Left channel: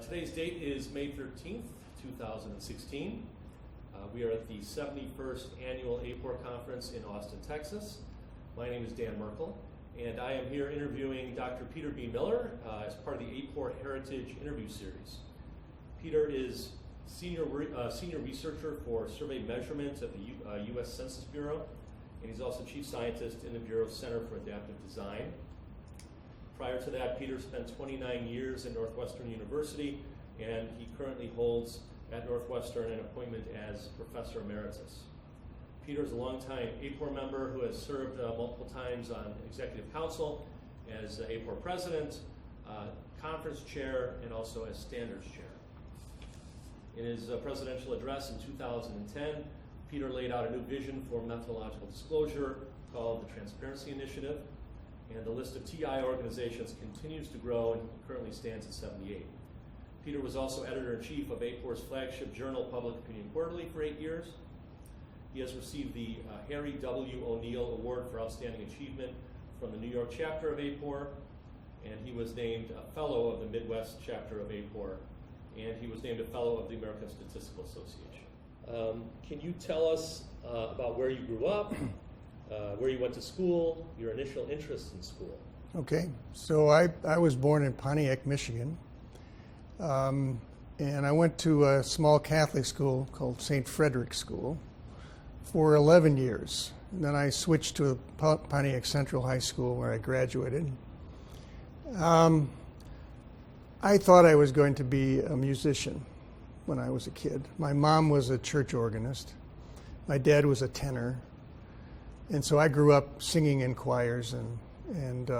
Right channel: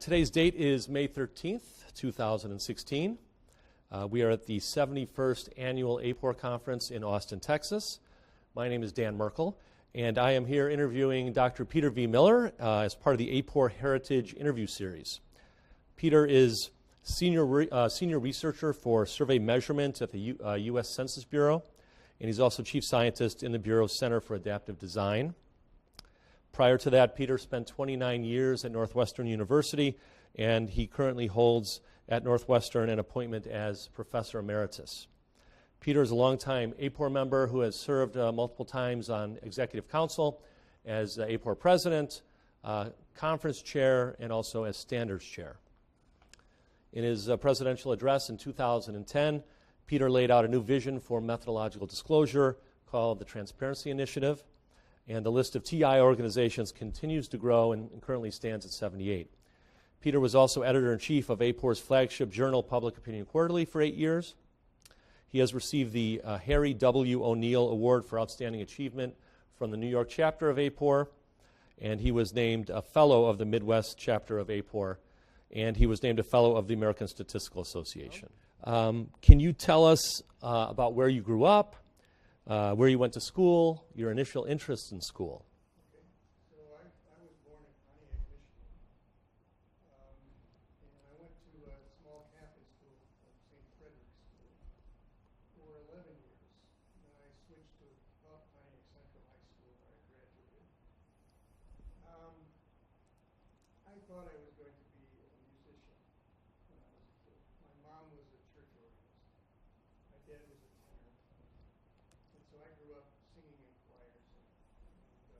Today's date is May 13th, 2016. We are at the 71st Annual AAPOR Conference in Austin, Texas. My name is Dan Merkel, and I am here interviewing Dr. Peter V. Miller as part of the AAPOR Heritage Interview Series. Peter is senior researcher for survey measurement at the U.S. Census Bureau, and he's also chief scientist in the Bureau's Center for Adaptive Design. Prior to that, Peter spent 29 years at Northwestern University, and he currently holds at Northwestern an appointment as Professor Emeritus. Peter is a longtime AAPOR member who has served multiple times on Executive Council as AAPOR President, Conference Chair, and also as Standards Chair. In his presidential address in 2010, Peter laid out a new vision for methodological disclosure called the Transparency Initiative, and the list of TI organizations continues to grow and currently stands at 78. Peter was also editor-in-chief of AAPOR's flagship journal, Public Opinion Quarterly, for 8 years. He has received the Harry W. O'Neill Award for Outstanding Achievement from the New York chapter of AAPOR, and he was named a Fellow of the Midwest chapter of AAPOR, and he was named a Fellow of the American Statistical Association. Can you tell us about where you grew up, where you went to school, your initial interests in school? Okay, so I was born in Pontiac, Michigan, and I went to a small Catholic school called St. Frederick's School for 11 years. And then I switched to Pontiac Central High School where I graduated. I thought I was going to be a musician when I was a kid. My mom was a church organist. My dad was a tenor. And so I grew up singing in choirs, and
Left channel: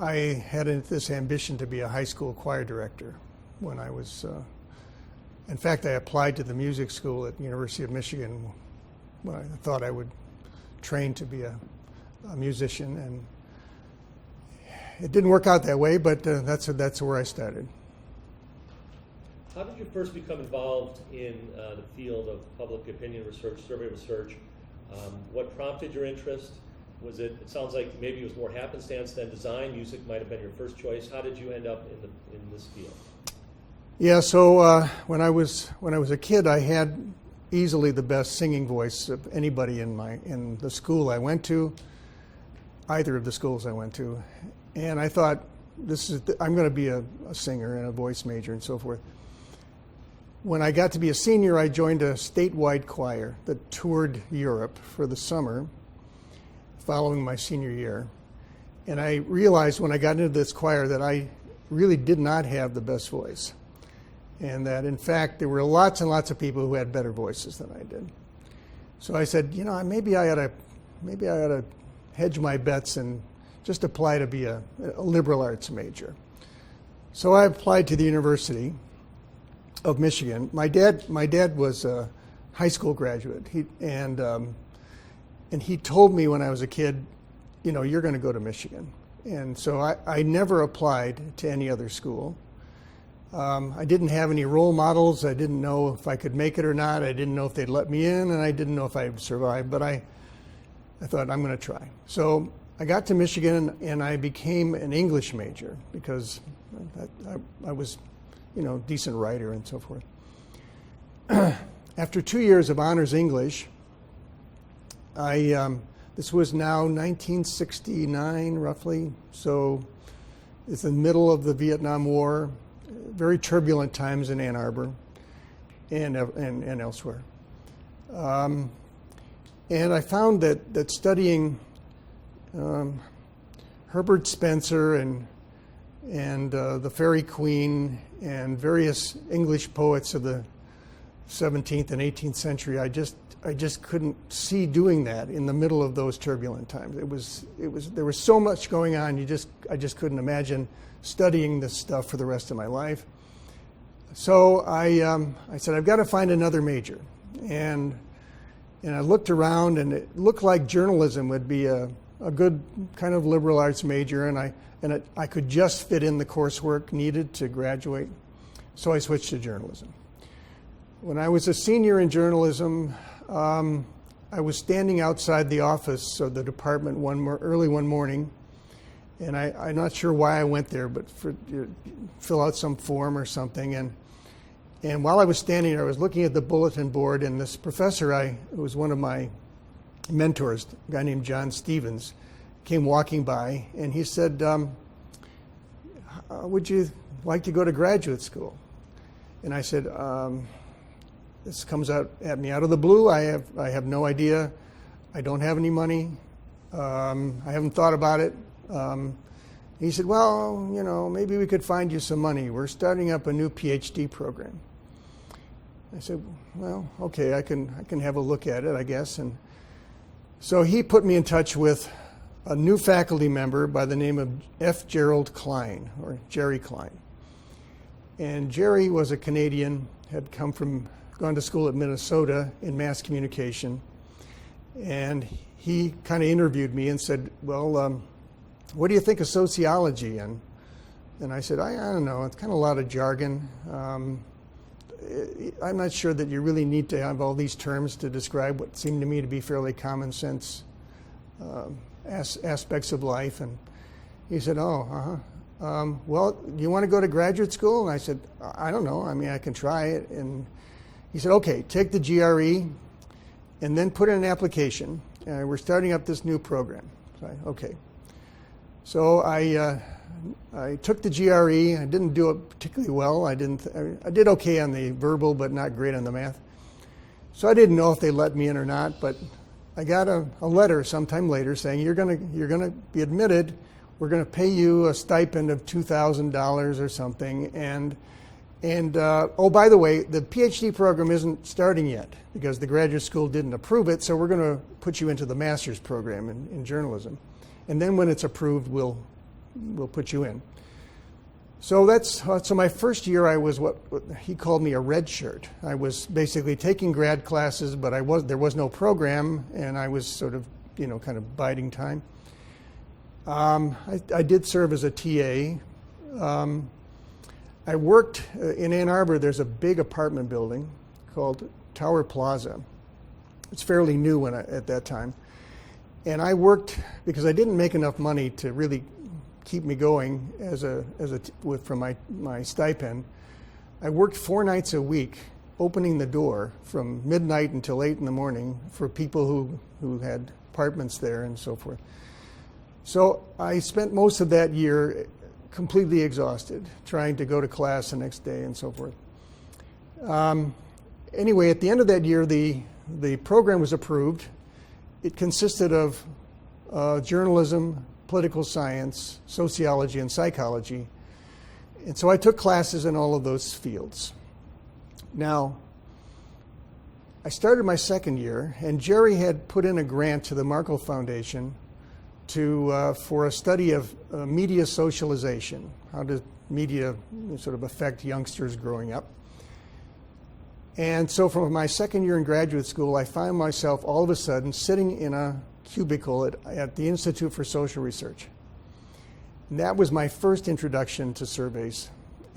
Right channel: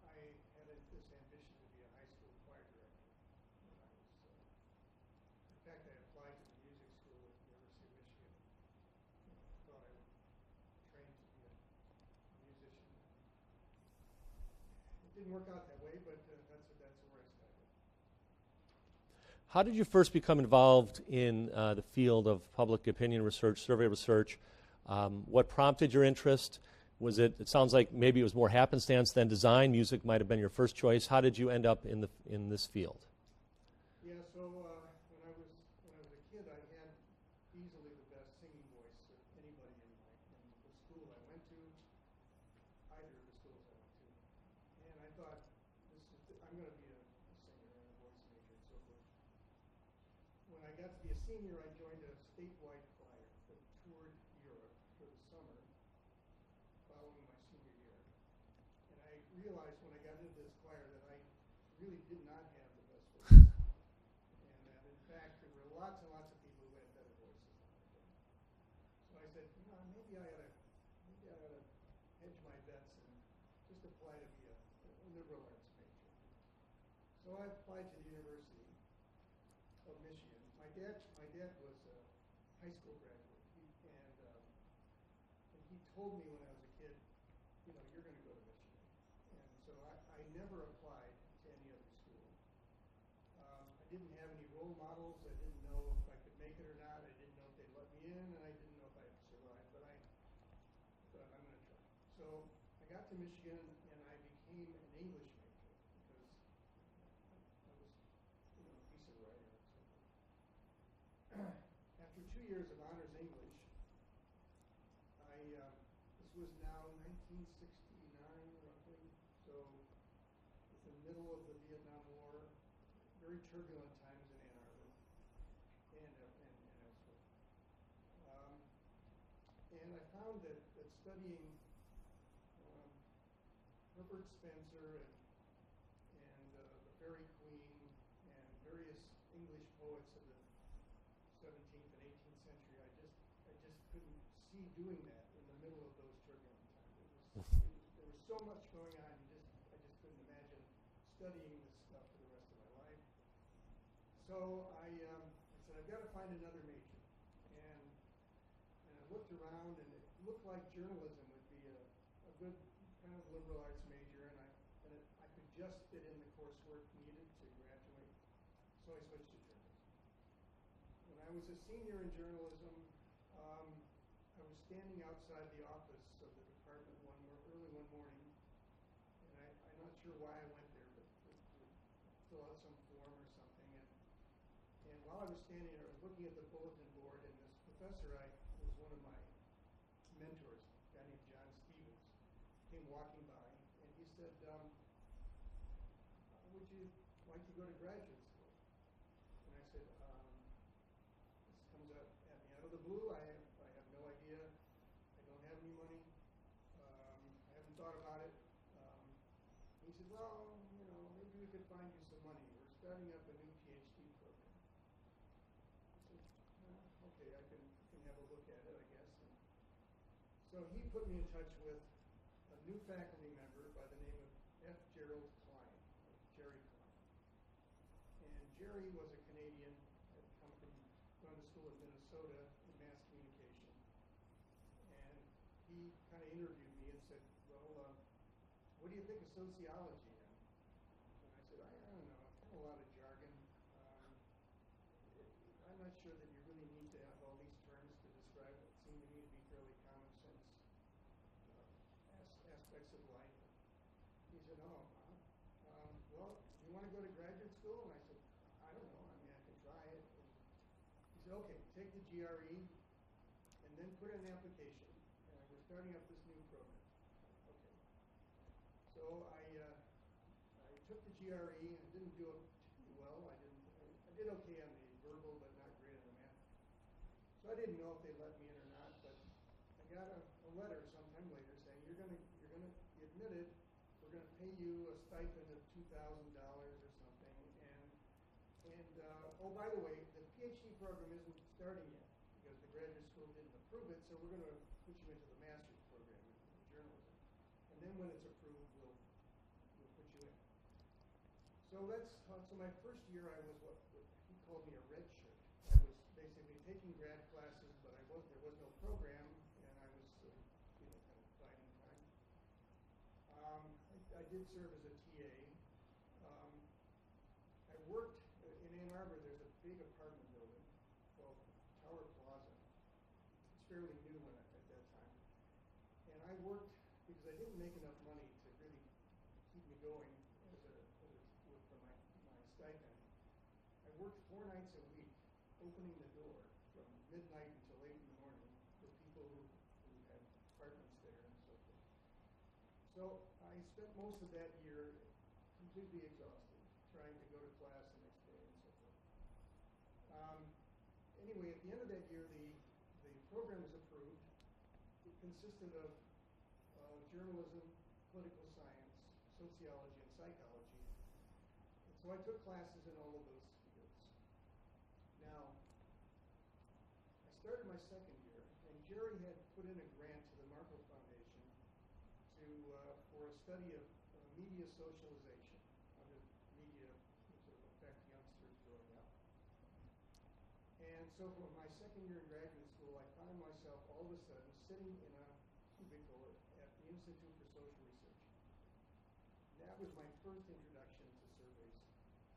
I had this ambition to be a high school choir director when I was, in fact, I applied to the music school at the University of Michigan when I thought I would train to be a musician, and it didn't work out that way, but that's where I started. How did you first become involved in the field of public opinion research, survey research? What prompted your interest? It sounds like maybe it was more happenstance than design. Music might have been your first choice. How did you end up in this field? Yeah, so when I was a kid, I had easily the best singing voice of anybody in the school I went to, either of the schools I went to, and I thought I'm going to be a singer and a voice major and so forth. When I got to be a senior, I joined a statewide choir that toured Europe for the summer following my senior year. And I realized when I got into this choir that I really did not have the best voice. And that, in fact, there were lots and lots of people who had better voices than I did. So I said, maybe I ought to hedge my bets and just apply to be a liberal arts major. So I applied to the University of Michigan. My dad was a high school graduate, and he told me when I was a kid, you're going to go to Michigan. And so I never applied to any other school. I didn't have any role models. I didn't know if I could make it or not. I didn't know if they'd let me in, and I didn't know if I'd survive. But I thought, I'm going to try. So I got to Michigan, and I became an English major because I was decent writer and so forth. After 2 years of honors English, this was now 1969 roughly, so it's the middle of the Vietnam War, very turbulent times in Ann Arbor and elsewhere. And I found that studying Herbert Spencer and the Faerie Queene and various English poets of the 17th and 18th century, I just couldn't see doing that in the middle of those turbulent times. There was so much going on. I just couldn't imagine studying this stuff for the rest of my life. So I said, I've got to find another major, and I looked around, and it looked like journalism would be a good kind of liberal arts major, and I could just fit in the coursework needed to graduate, so I switched to journalism. When I was a senior in journalism, I was standing outside the office of the department early one morning, And I'm not sure why I went there, but fill out some form or something. And while I was standing there, I was looking at the bulletin board, and this professor, who was one of my mentors, a guy named John Stevens, came walking by, and he said, would you like to go to graduate school? And I said, this comes at me out of the blue. I have no idea. I don't have any money. I haven't thought about it. He said, well, maybe we could find you some money. We're starting up a new PhD program. I said, well, okay, I can have a look at it, I guess. And so he put me in touch with a new faculty member by the name of F. Gerald Klein, or Jerry Klein. And Jerry was a Canadian, had gone to school at Minnesota in mass communication. And he kind of interviewed me and said, well, what do you think of sociology? And I said, I don't know, it's kind of a lot of jargon. I'm not sure that you really need to have all these terms to describe what seemed to me to be fairly common sense aspects of life. And he said, well, do you want to go to graduate school? And I said, I don't know. I mean, I can try it. And he said, okay, take the GRE and then put in an application. We're starting up this new program. So okay. So I took the GRE. I didn't do it particularly well. I did okay on the verbal, but not great on the math. So I didn't know if they let me in or not, but I got a letter sometime later saying you're gonna be admitted. We're gonna pay you a stipend of $2,000 or something, and oh, by the way, the PhD program isn't starting yet because the graduate school didn't approve it. So we're gonna put you into the master's program in journalism, and then when it's approved, we'll put you in. So so my first year I was what he called me a red shirt. I was basically taking grad classes, but there was no program, and I was sort of kind of biding time. I did serve as a TA. I worked in Ann Arbor. There's a big apartment building called Tower Plaza. It's fairly new at that time, and I worked because I didn't make enough money to really keep me going from my stipend. I worked 4 nights a week, opening the door from midnight until 8 in the morning for people who had apartments there and so forth. So I spent most of that year completely exhausted, trying to go to class the next day and so forth. Anyway, at the end of that year, the program was approved. It consisted of journalism, political science, sociology, and psychology. And so I took classes in all of those fields. Now, I started my second year, and Jerry had put in a grant to the Markle Foundation for a study of media socialization. How does media sort of affect youngsters growing up? And so from my second year in graduate school, I found myself all of a sudden sitting in a cubicle at the Institute for Social Research. And that was my first introduction to surveys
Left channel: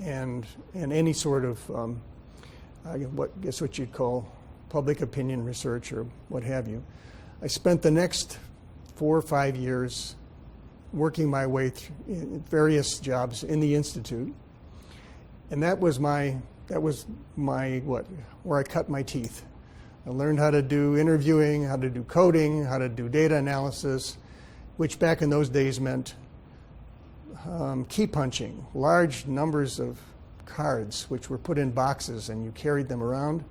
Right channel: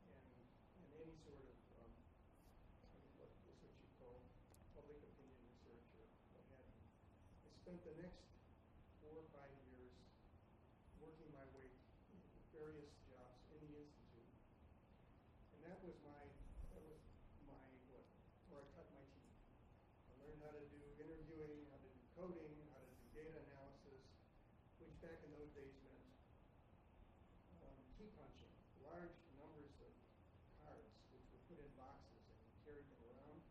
and any sort of what you'd call public opinion research or what have you. I spent the next 4 or 5 years working my way through various jobs in the Institute, and that was where I cut my teeth. I learned how to do interviewing, how to do coding, how to do data analysis, which back in those days meant key punching, large numbers of cards which were put in boxes and you carried them around.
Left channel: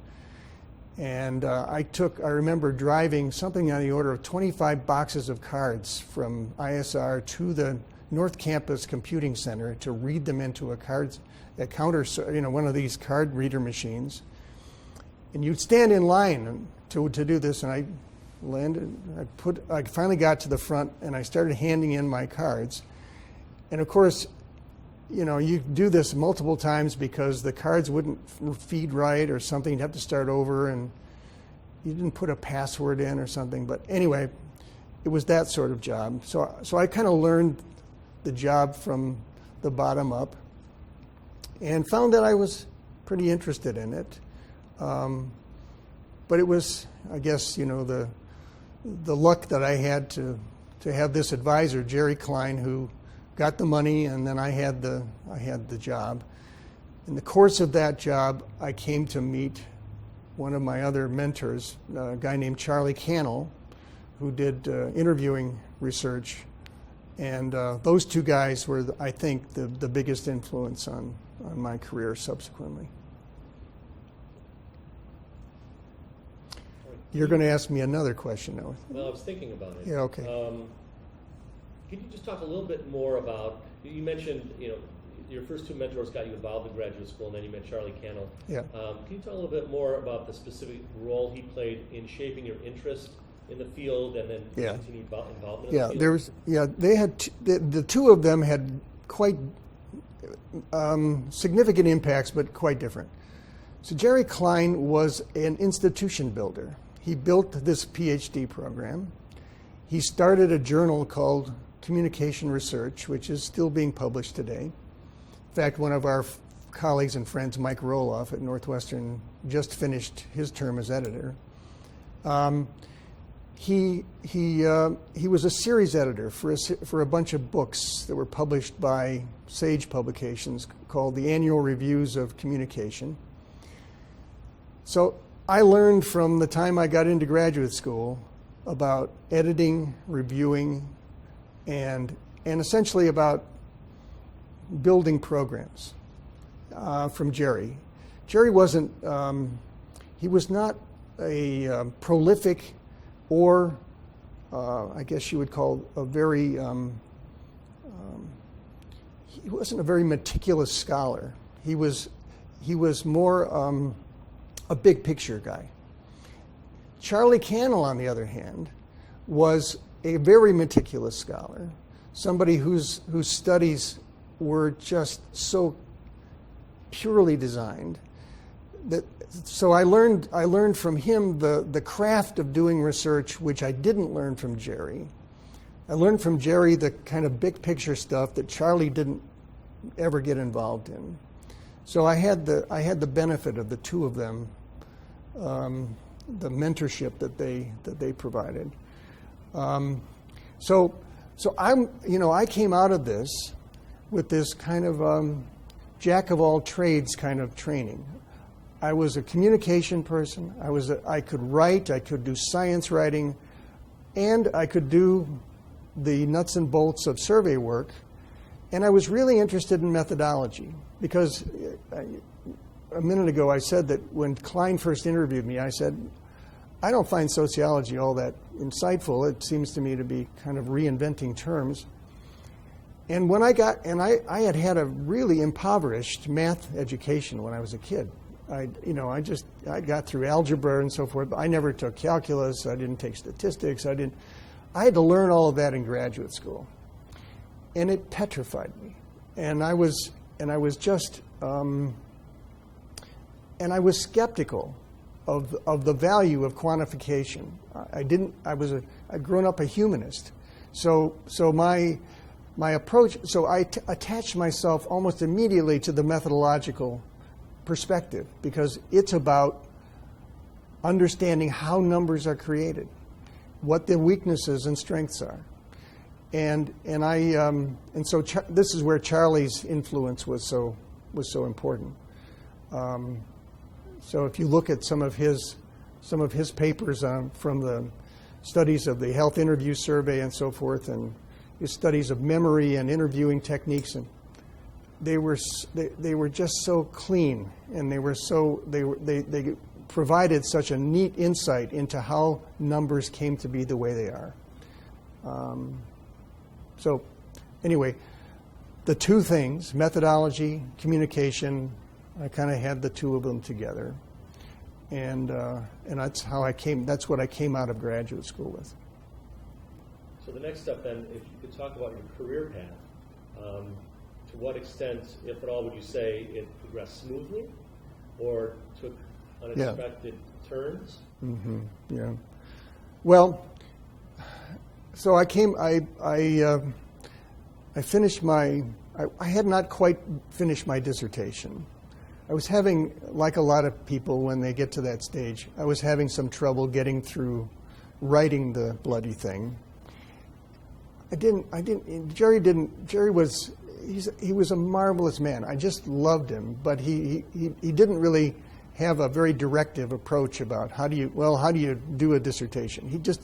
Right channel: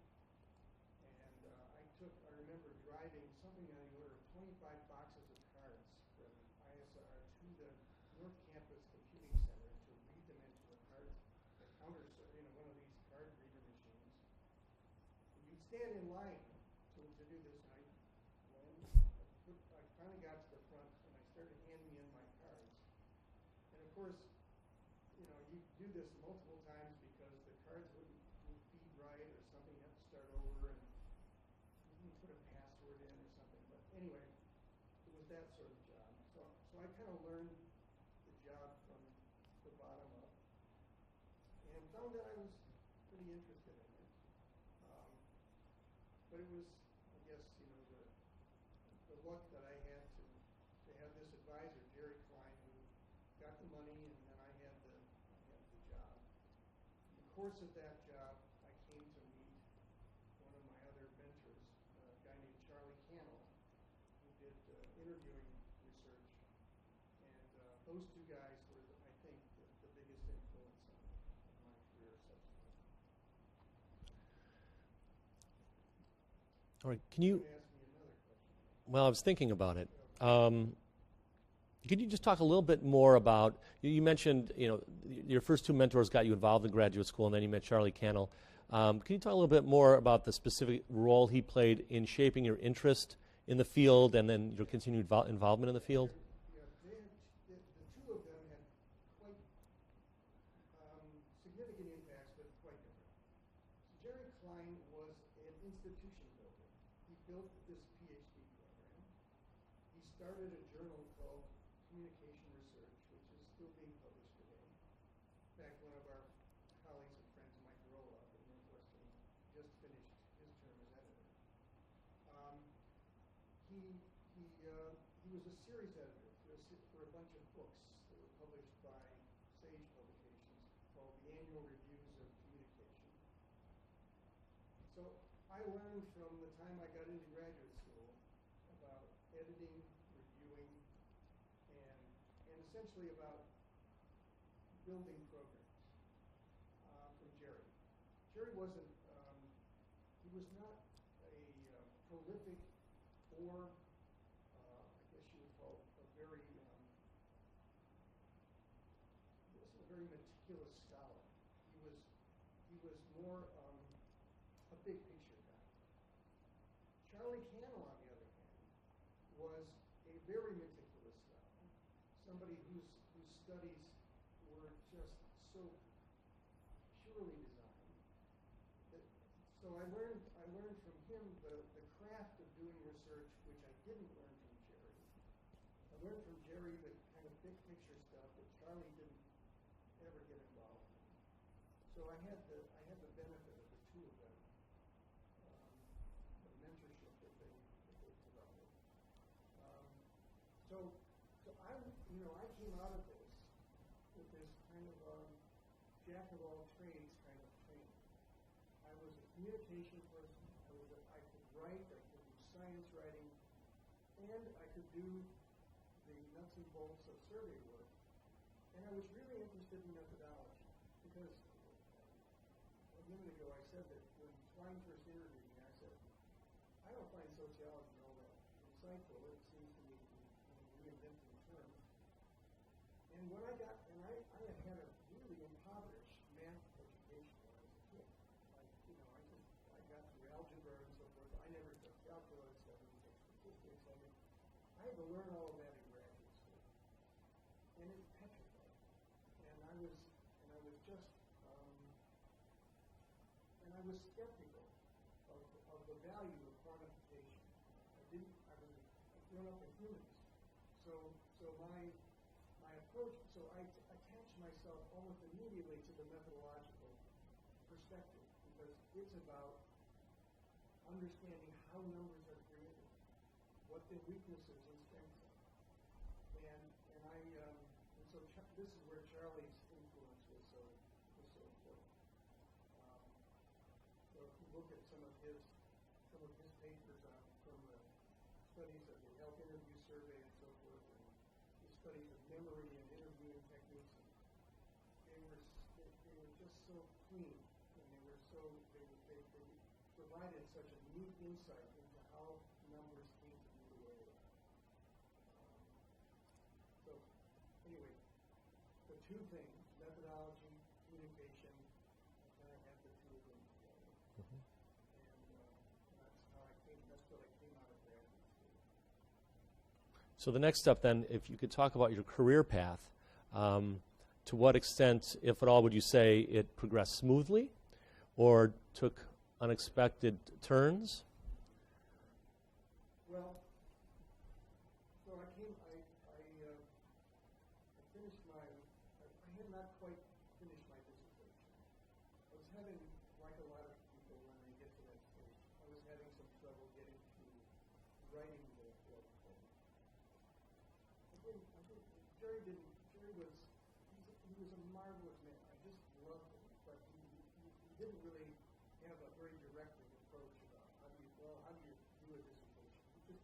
And I remember driving something on the order of 25 boxes of cards from ISR to the North Campus Computing Center to read them into a counter, one of these card reader machines. And you'd stand in line to do this, and I landed. I finally got to the front, and I started handing in my cards. And of course, you do this multiple times because the cards wouldn't feed right or something. You'd have to start over, and you didn't put a password in or something. But anyway, it was that sort of job. So I kind of learned the job from the bottom up and found that I was pretty interested in it. But it was, I guess, the luck that I had to have this advisor, Jerry Klein, who got the money, and then I had the job. In the course of that job, I came to meet one of my other mentors, a guy named Charlie Cannell, who did interviewing research. And those two guys were, I think, the biggest influence on my career subsequently. All right. You're going to ask me another question, though. Well, I was thinking about it. Yeah, okay. Could you just talk a little bit more about, you mentioned, your first two mentors got you involved in graduate school, and then you met Charlie Cannell. Yeah. Can you talk a little bit more about the specific role he played in shaping your interest in the field, and then Yeah. continued involvement in the field? There was. Yeah, they had the two of them had quite significant impacts, but quite different. So Jerry Klein was an institution builder. He built this PhD program. He started a journal called Communication Research, which is still being published today. In fact, one of our colleagues and friends, Mike Roloff at Northwestern, just finished his term as editor. He was a series editor for a bunch of books that were published by Sage Publications called the Annual Reviews of Communication. So I learned from the time I got into graduate school about editing, reviewing, and essentially about building programs from Jerry. Jerry wasn't, he was not a prolific or I guess you would call a very, he wasn't a very meticulous scholar. He was more a big picture guy. Charlie Cannell, on the other hand, was a very meticulous scholar, somebody whose studies were just so purely designed that. So I learned from him the craft of doing research, which I didn't learn from Jerry. I learned from Jerry the kind of big picture stuff that Charlie didn't ever get involved in. So I had the benefit of the two of them, the mentorship that they provided. So I came out of this with this kind of jack of all trades kind of training. I was a communication person. I could write. I could do science writing, and I could do the nuts and bolts of survey work. And I was really interested in methodology because a minute ago I said that when Klein first interviewed me, I said, I don't find sociology all that insightful. It seems to me to be kind of reinventing terms. And when I had a really impoverished math education when I was a kid. I got through algebra and so forth, but I never took calculus. I didn't take statistics. I had to learn all of that in graduate school, and it petrified me. And I was skeptical of the value of quantification. I'd grown up a humanist, so my approach. So I attached myself almost immediately to the methodological perspective because it's about understanding how numbers are created, what the weaknesses and strengths are, and so this is where Charlie's influence was so important. So if you look at some of his papers from the studies of the Health Interview Survey and so forth, and his studies of memory and interviewing techniques, and they were just so clean, and they provided such a neat insight into how numbers came to be the way they are. So anyway, the two things, methodology, communication, I kind of had the two of them together, and that's what I came out of graduate school with. So the next step then, if you could talk about your career path, to what extent, if at all, would you say it progressed smoothly or took unexpected turns? Mm-hmm. Yeah. Well, so I finished I had not quite finished my dissertation. I was having, like a lot of people when they get to that stage, I was having some trouble getting through writing the bloody thing. Jerry was, he was a marvelous man. I just loved him, but he didn't really have a very directive approach about how do you do a dissertation. He just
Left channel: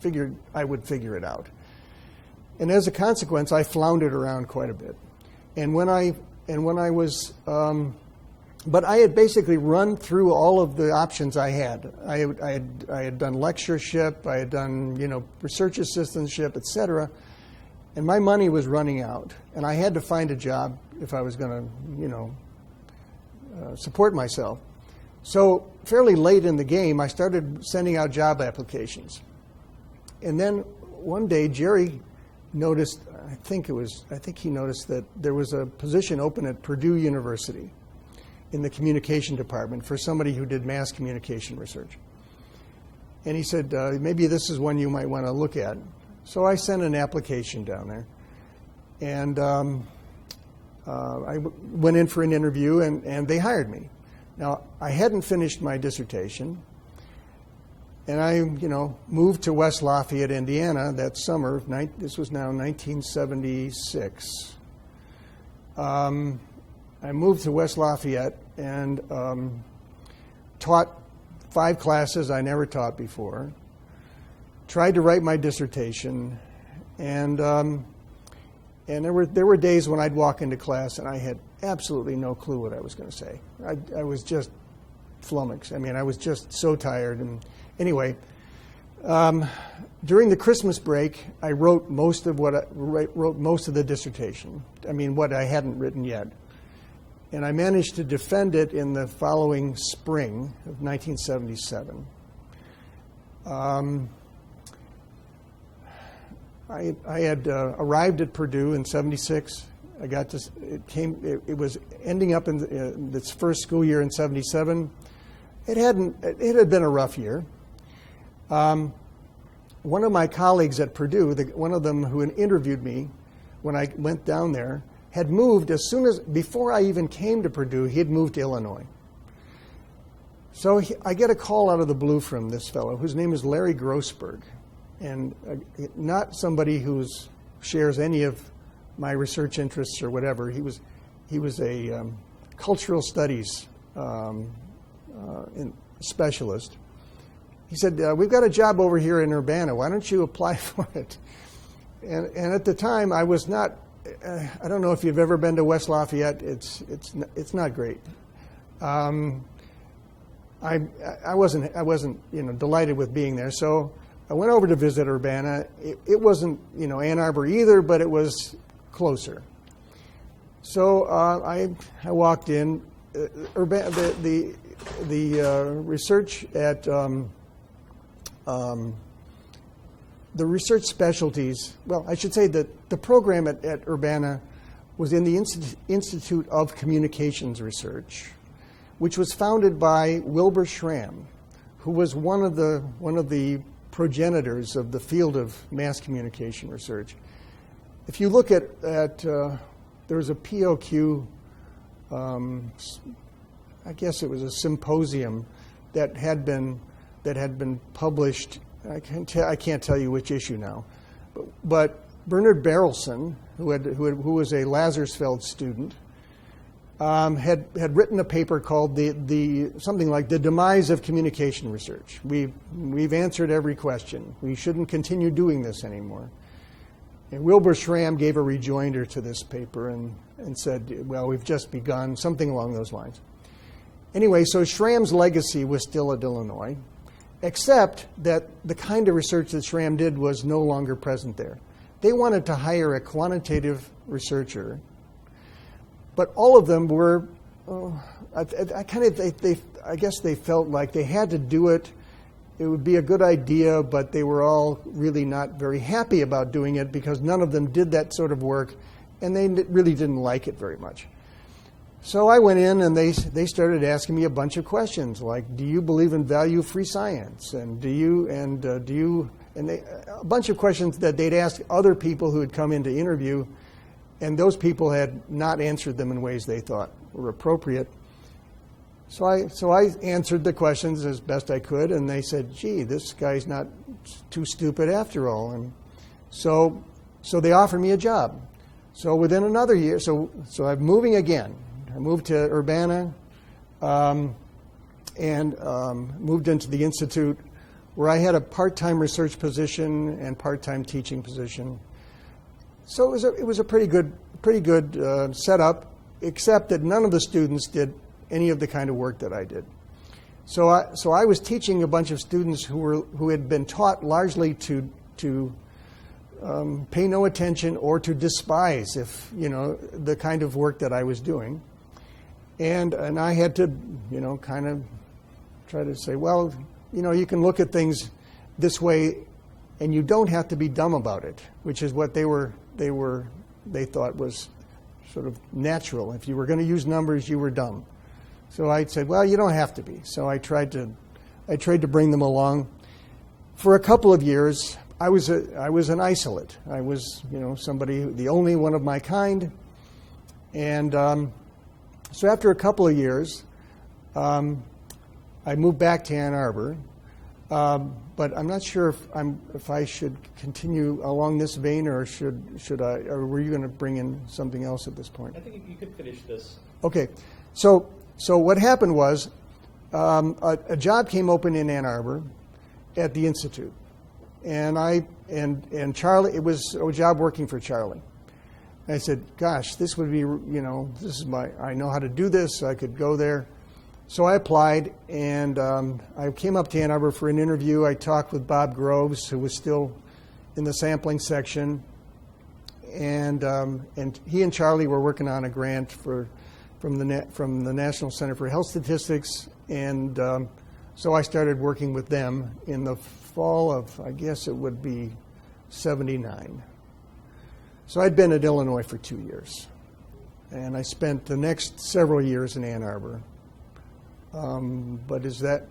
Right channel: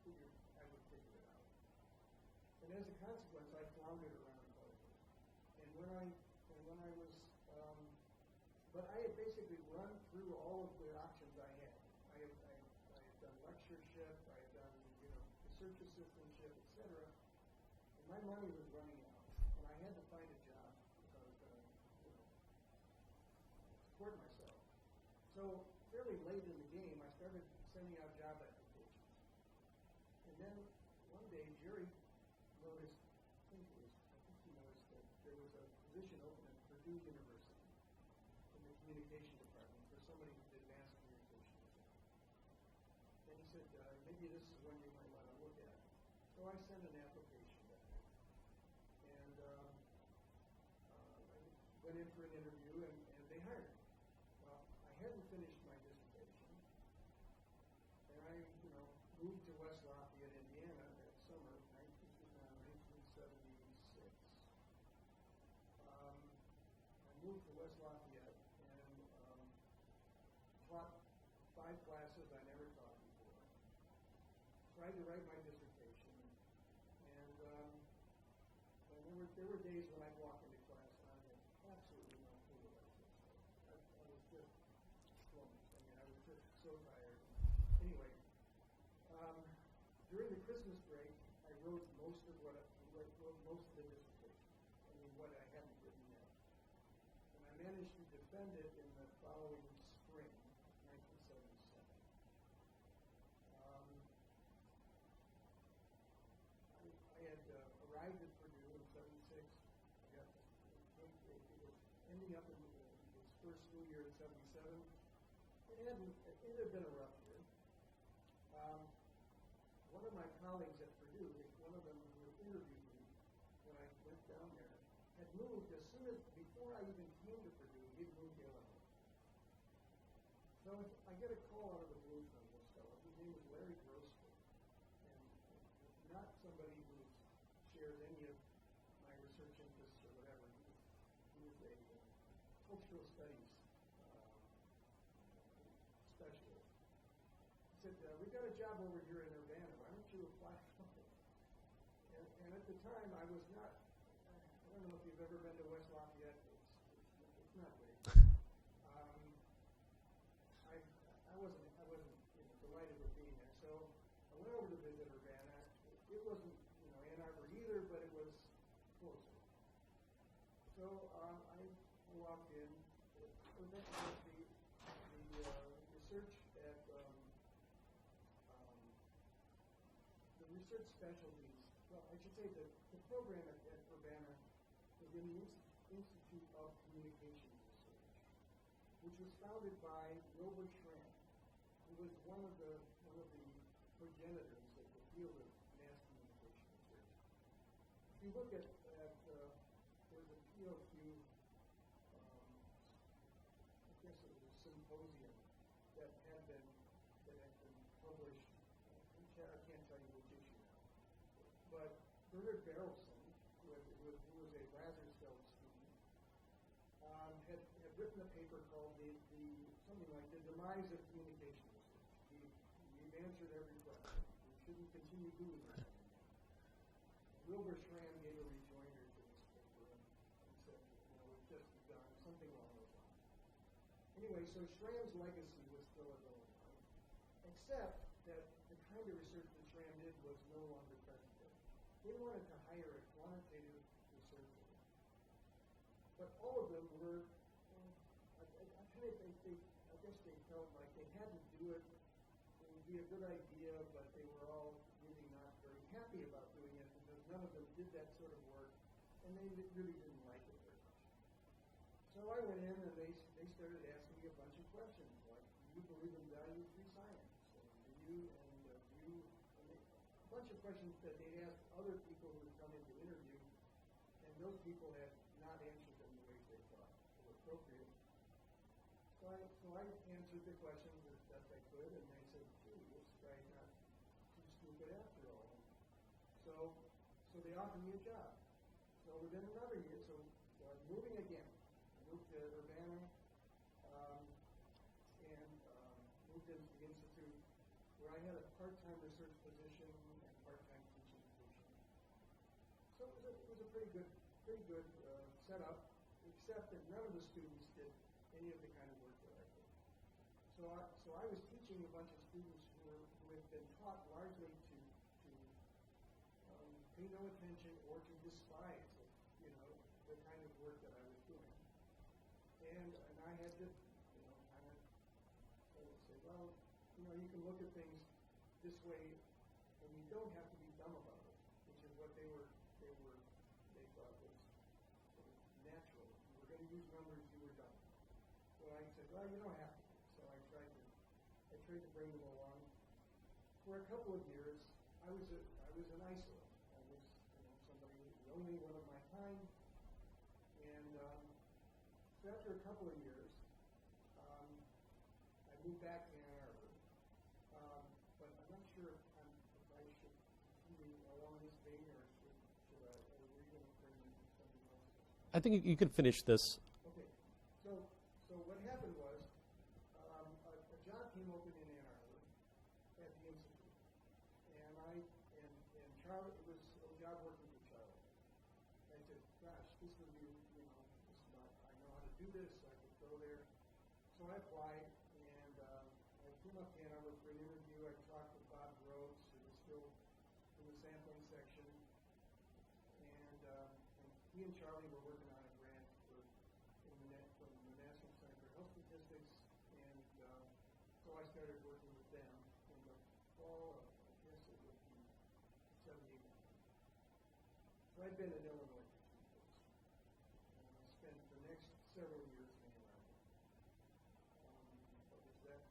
figured I would figure it out. And as a consequence, I floundered around quite a bit. And when I was, but I had basically run through all of the options I had. I had done lectureship, I had done research assistantship, etc. And my money was running out, and I had to find a job if I was going to support myself. So fairly late in the game, I started sending out job applications. And then one day, Jerry noticed, I think he noticed that there was a position open at Purdue University in the communication department for somebody who did mass communication research. And he said, maybe this is one you might want to look at. So I sent an application down there. And I went in for an interview, and they hired me. Now, I hadn't finished my dissertation, and I, moved to West Lafayette, Indiana that summer. This was now 1976. I moved to West Lafayette and taught 5 classes I never taught before, tried to write my dissertation, and there were days when I'd walk into class and I had absolutely no clue what I was going to say. I was just flummoxed. I mean, I was just so tired. And anyway, during the Christmas break, I wrote most of the dissertation. I mean, what I hadn't written yet, and I managed to defend it in the following spring of 1977. I had arrived at Purdue in '76. It was ending up in its first school year in '77. It had been a rough year. One of my colleagues at Purdue, one of them who interviewed me when I went down there, had moved before I even came to Purdue, he had moved to Illinois. So I get a call out of the blue from this fellow, whose name is Larry Grossberg, and not somebody who shares any of my research interests or whatever. He was a cultural studies specialist. He said, we've got a job over here in Urbana. Why don't you apply for it? And at the time, I was not. I don't know if you've ever been to West Lafayette. It's not great. I wasn't delighted with being there. So I went over to visit Urbana. It wasn't Ann Arbor either, but it was closer. So I walked in. The research at the research specialties, well, I should say that the program at Urbana was in the Institute of Communications Research, which was founded by Wilbur Schramm, who was one of the progenitors of the field of mass communication research. If you look at there was a POQ, I guess it was a symposium that had been published. I can't tell you which issue now, but Bernard Berelson, who was a Lazarsfeld student, had written a paper called something like "The Demise of Communication Research." We've answered every question. We shouldn't continue doing this anymore. And Wilbur Schramm gave a rejoinder to this paper and said, "Well, we've just begun," something along those lines. Anyway, so Schramm's legacy was still at Illinois, except that the kind of research that Schramm did was no longer present there. They wanted to hire a quantitative researcher, but all of them were, I guess they felt like they had to do it. It would be a good idea, but they were all really not very happy about doing it because none of them did that sort of work, and they really didn't like it very much. So I went in and they started asking me a bunch of questions like, do you believe in value-free science? And a bunch of questions that they'd asked other people who had come in to interview, and those people had not answered them in ways they thought were appropriate. So I answered the questions as best I could, and they said, gee, this guy's not too stupid after all. And so So they offered me a job. So within another year, so I'm moving again. I moved to Urbana and moved into the Institute, where I had a part-time research position and part-time teaching position. So it was a pretty good setup, except that none of the students did any of the kind of work that I did. So I was teaching a bunch of students who had been taught largely to pay no attention or to despise the kind of work that I was doing, and I had to kind of try to say, well, you can look at things this way, and you don't have to be dumb about it, which is what they thought was sort of natural. If you were going to use numbers, you were dumb. So I said, well, you don't have to be. So I tried to bring them along. For a couple of years, I was an isolate. I was, somebody, the only one of my kind. And so after a couple of years, I moved back to Ann Arbor. But I'm not sure if I should continue along this vein, or should I? Or were you going to bring in something else at this point? I think you could finish this. Okay. So what happened was a job came open in Ann Arbor at the Institute. And Charlie, it was a job working for Charlie. And I said, gosh, this would be, this is I know how to do this, I could go there. So I applied, and I came up to Ann Arbor for an interview. I talked with Bob Groves, who was still in the sampling section. And he and Charlie were working on a grant from the National Center for Health Statistics. And so I started working with them in the fall of, I guess it would be 79. So I'd been at Illinois for 2 years. And I spent the next several years in Ann Arbor. But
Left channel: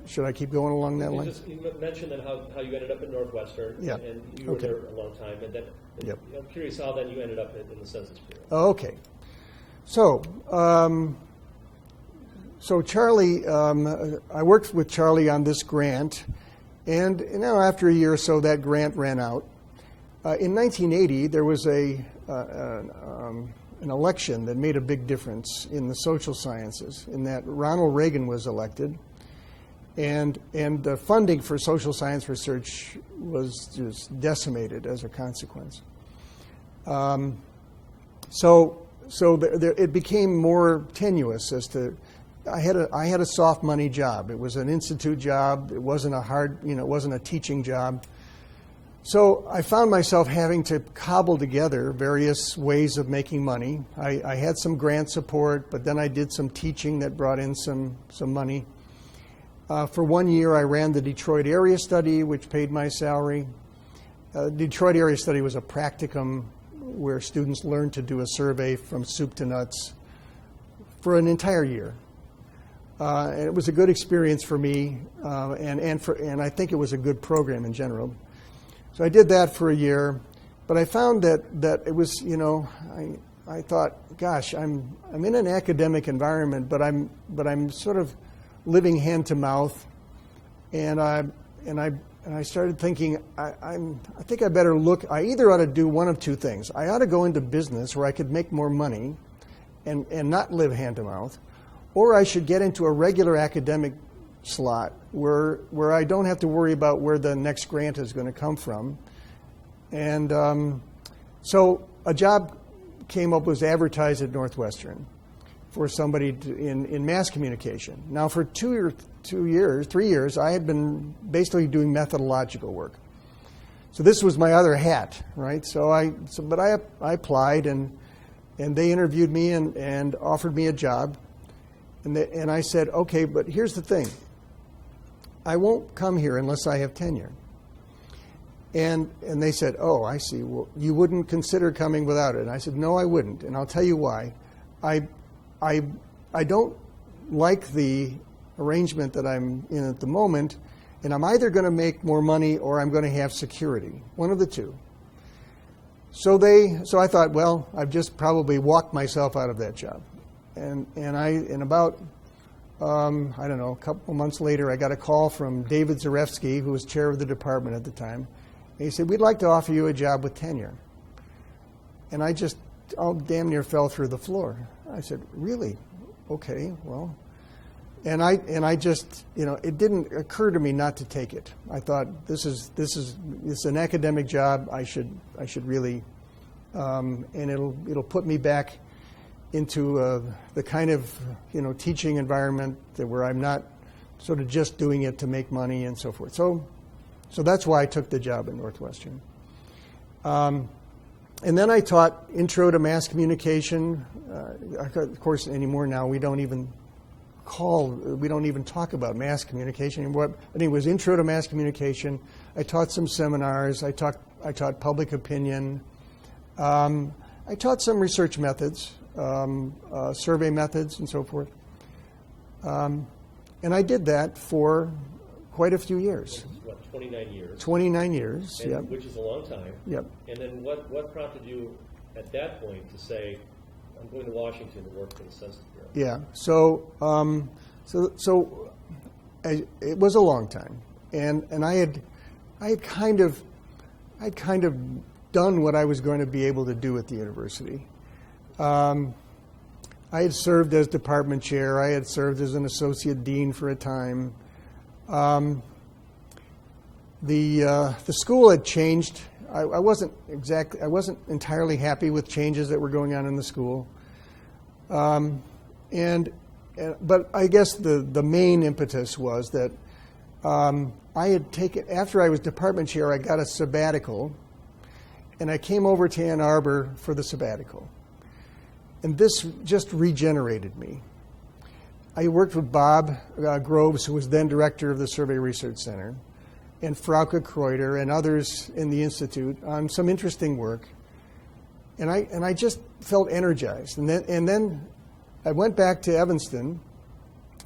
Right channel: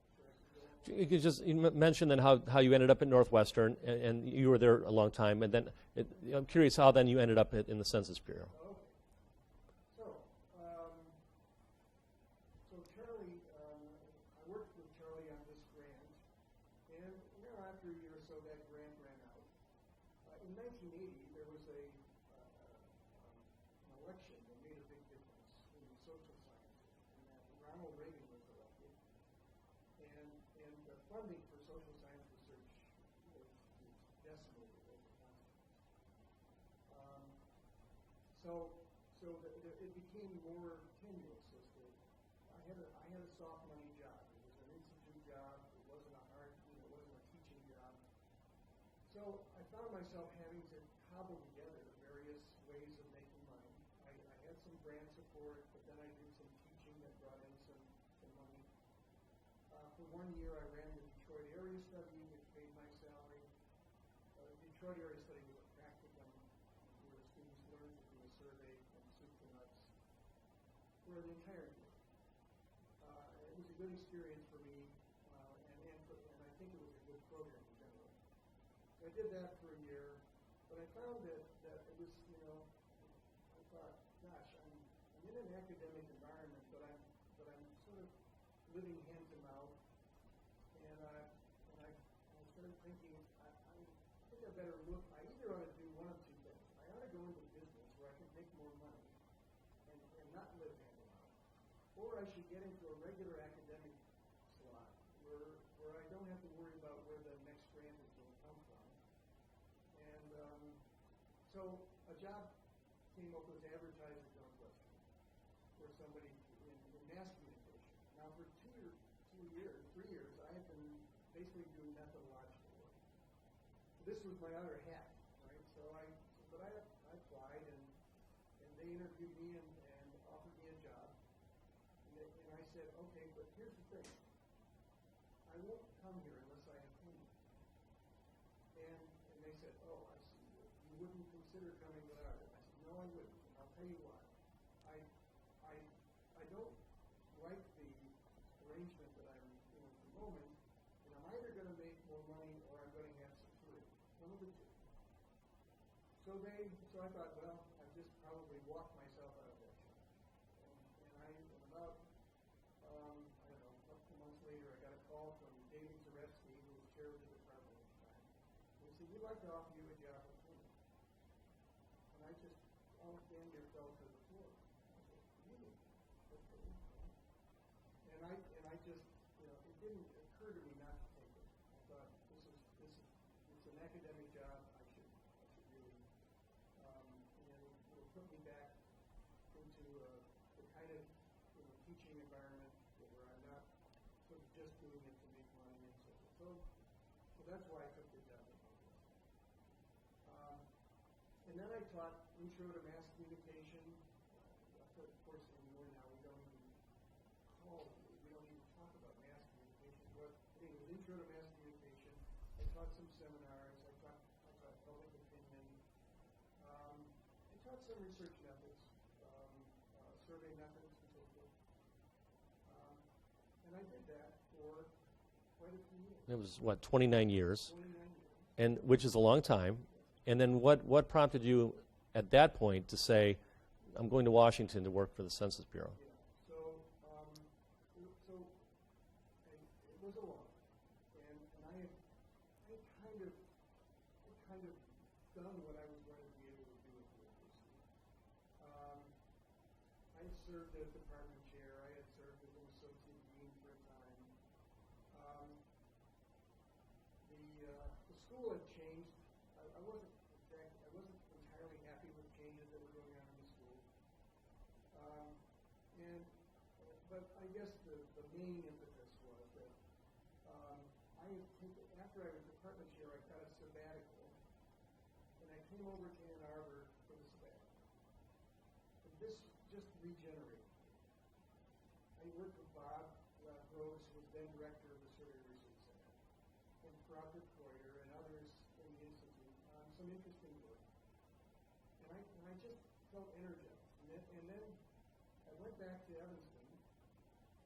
should I keep going along that line? You mentioned then how you ended up at Northwestern, yeah. And you were there a long time. And then Yep. I'm curious how then you ended up in the Census Bureau. Okay. So, Charlie, I worked with Charlie on this grant, and after a year or so, that grant ran out. In 1980, there was an election that made a big difference in the social sciences, in that Ronald Reagan was elected, and the funding for social science research was just decimated as a consequence. It became more tenuous as to. I had a soft money job. It was an institute job. It wasn't it wasn't a teaching job. So I found myself having to cobble together various ways of making money. I had some grant support, but then I did some teaching that brought in some money. For 1 year, I ran the Detroit Area Study, which paid my salary. Detroit Area Study was a practicum where students learned to do a survey from soup to nuts for an entire year. And it was a good experience for me, and I think it was a good program in general. So I did that for a year, but I found that it was, I thought, gosh, I'm in an academic environment, but I'm sort of living hand to mouth, and I started thinking, I think I better look. I either ought to do one of two things. I ought to go into business where I could make more money, and not live hand to mouth, or I should get into a regular academic slot where I don't have to worry about where the next grant is going to come from. And so a job came up, was advertised at Northwestern for somebody in mass communication. Now for 3 years, I had been basically doing methodological work. So this was my other hat, right? But I applied, and they interviewed me and offered me a job. And I said, okay, but here's the thing. I won't come here unless I have tenure. And they said, oh, I see. Well, you wouldn't consider coming without it. And I said, no, I wouldn't. And I'll tell you why. I don't like the arrangement that I'm in at the moment, and I'm either going to make more money or I'm going to have security, one of the two. So I thought, well, I've just probably walked myself out of that job. And about I don't know, a couple months later, I got a call from David Zarefsky, who was chair of the department at the time. And he said, we'd like to offer you a job with tenure. And I just damn near fell through the floor. I said, really? Okay, well. And I just, it didn't occur to me not to take it. I thought this is an academic job. I should really, and it'll put me back into the kind of teaching environment where I'm not sort of just doing it to make money and so forth. So that's why I took the job at Northwestern. And then I taught Intro to Mass Communication. Of course, anymore now we don't even talk about mass communication anymore. But it was Intro to Mass Communication. I taught some seminars. I taught public opinion. I taught some research methods, survey methods, and so forth. And I did that for quite a few years. What, 29 years? 29 years, and, yep. Which is a long time. Yep. And then what prompted you at that point to say, I'm going to Washington to work for the Census Bureau? Yeah. So it was a long time, and I had kind of done what I was going to be able to do at the university. I had served as department chair. I had served as an associate dean for a time. The school had changed. I wasn't entirely happy with changes that were going on in the school. But I guess the main impetus was that I had taken, after I was department chair, I got a sabbatical, and I came over to Ann Arbor for the sabbatical. And this just regenerated me. I worked with Bob Groves, who was then director of the Survey Research Center, and Frauke Kreuter and others in the Institute on some interesting work. And I just felt energized. And then I went back to Evanston.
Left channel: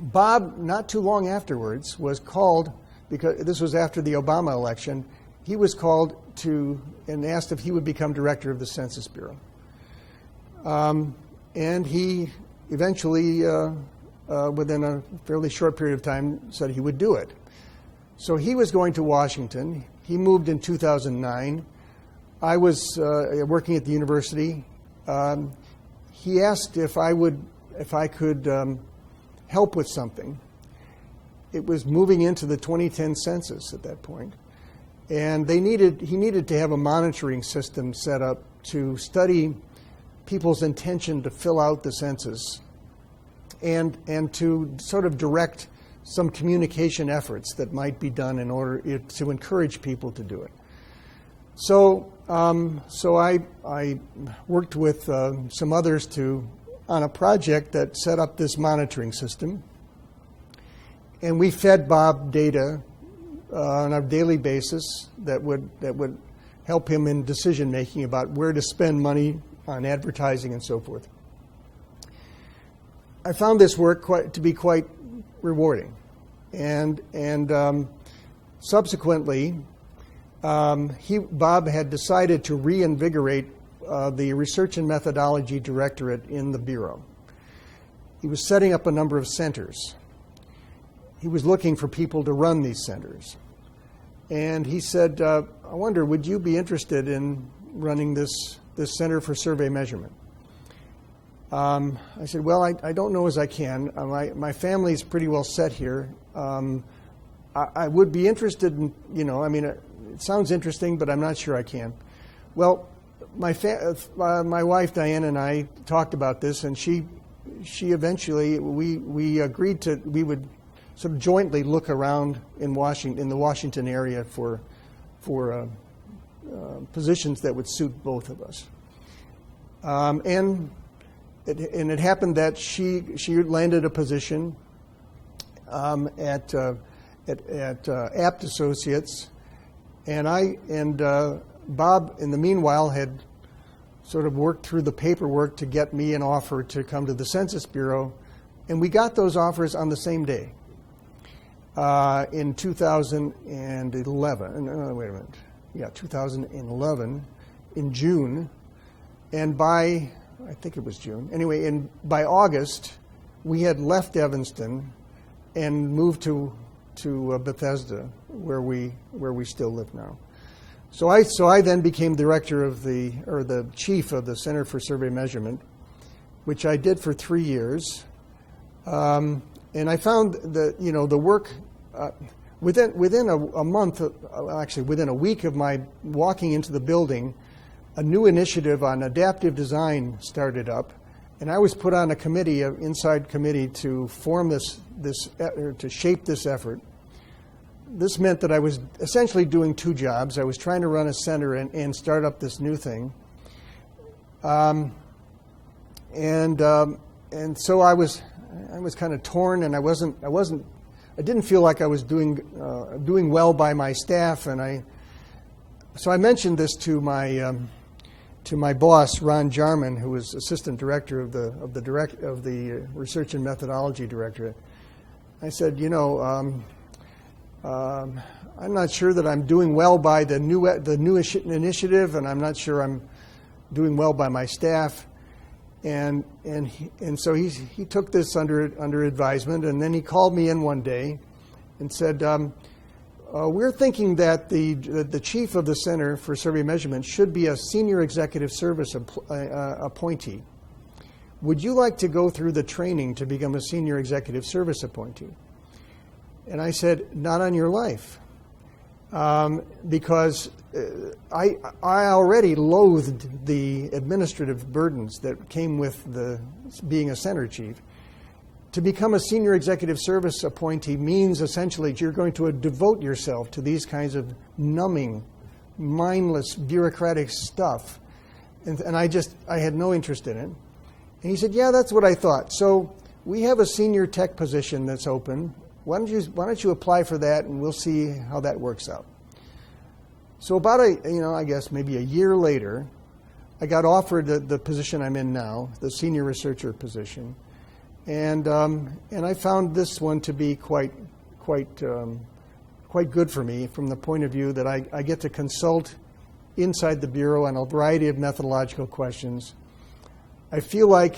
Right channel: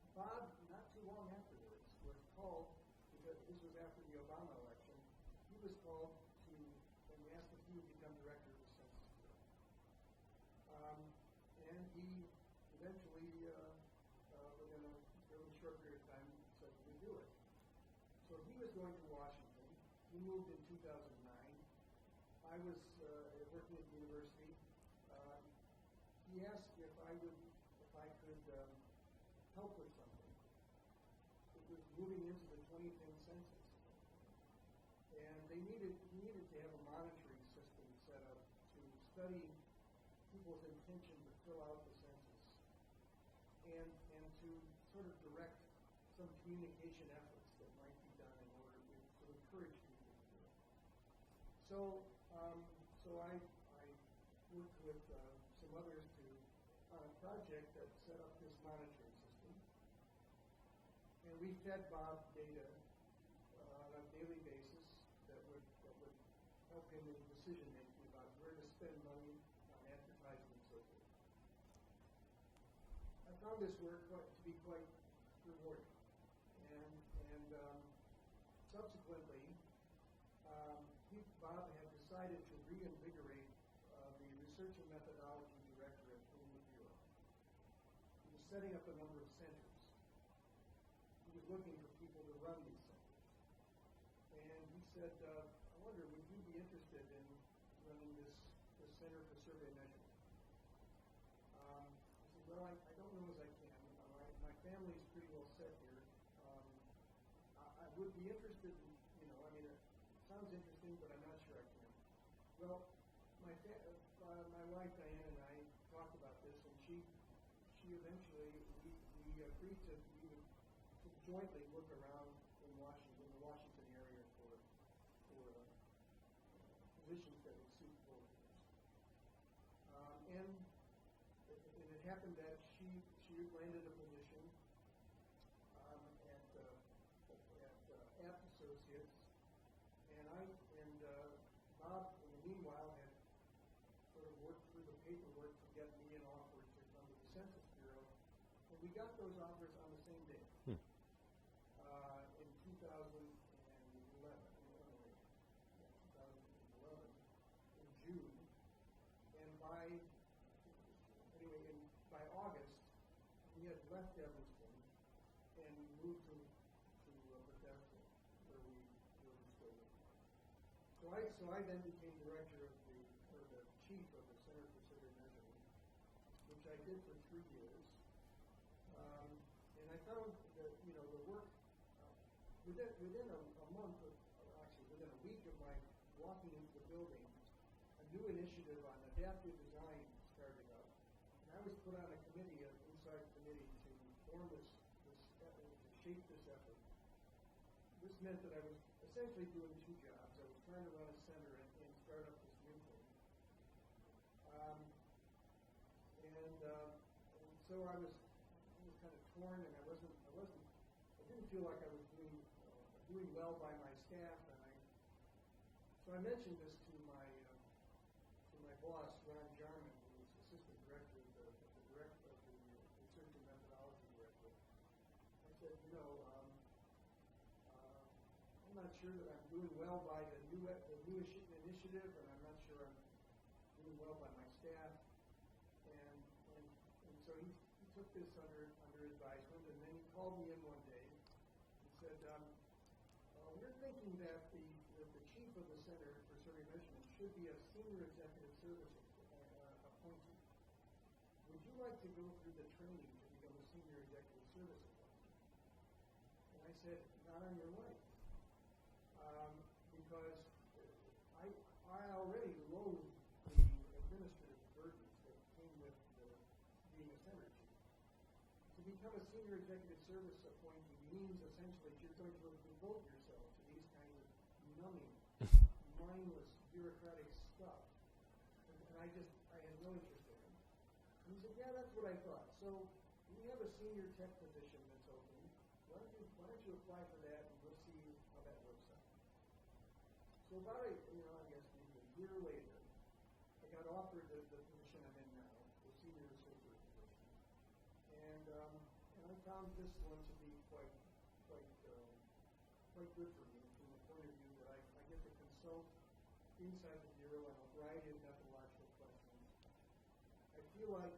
Bob, not too long afterwards, was called, because this was after the Obama election, he was called to and asked if he would become director of the Census Bureau. And he eventually, within a fairly short period of time, said he would do it. So he was going to Washington. He moved in 2009. I was working at the university. He asked if I could help with something. It was moving into the 2010 census at that point, and he needed to have a monitoring system set up to study people's intention to fill out the census, and to sort of direct some communication efforts that might be done in order to encourage people to do it. So I worked with some others on a project that set up this monitoring system, and we fed Bob data on a daily basis that would help him in decision making about where to spend money on advertising and so forth. I found this work to be quite rewarding, and subsequently, Bob had decided to reinvigorate the Research and Methodology Directorate in the Bureau. He was setting up a number of centers. He was looking for people to run these centers. And he said, I wonder, would you be interested in running this Center for Survey Measurement? I said, well, I don't know as I can. My family's pretty well set here. I would be interested in, it sounds interesting, but I'm not sure I can. Well, my wife Diane and I talked about this, and she eventually we agreed we would sort of jointly look around in the Washington area for positions that would suit both of us. And it happened that she landed a position at Apt Associates, and Bob, in the meanwhile, had sort of worked through the paperwork to get me an offer to come to the Census Bureau, and we got those offers on the same day in 2011. 2011 in June, and I think it was June. Anyway, by August, we had left Evanston and moved to Bethesda, where we still live now. So I then became director of the chief of the Center for Survey Measurement, which I did for 3 years. And I found that, the work, within a month, actually within a week of my walking into the building, a new initiative on adaptive design started up, and I was put on a committee, an inside committee, to form to shape this effort. This meant that I was essentially doing 2 jobs. I was trying to run a center and start up this new thing, and so I was kind of torn, and I didn't feel like I was doing well by my staff, and so I mentioned this to my boss, Ron Jarman, who was assistant director of the Research and Methodology Directorate. I said, I'm not sure that I'm doing well by the new initiative, and I'm not sure I'm doing well by my staff. And so he took this under advisement, and then he called me in one day and said, we're thinking that the chief of the Center for Survey Measurement should be a senior executive service appointee. Would you like to go through the training to become a senior executive service appointee? And I said, not on your life, because I already loathed the administrative burdens that came with being a center chief. To become a senior executive service appointee means essentially you're going to devote yourself to these kinds of numbing, mindless, bureaucratic stuff. And I had no interest in it. And he said, yeah, that's what I thought. So we have a senior tech position that's open. Why don't you apply for that, and we'll see how that works out. So about I guess maybe a year later, I got offered the position I'm in now, the senior researcher position, and I found this one to be quite good for me from the point of view that I get to consult inside the Bureau on a variety of methodological questions. I feel like,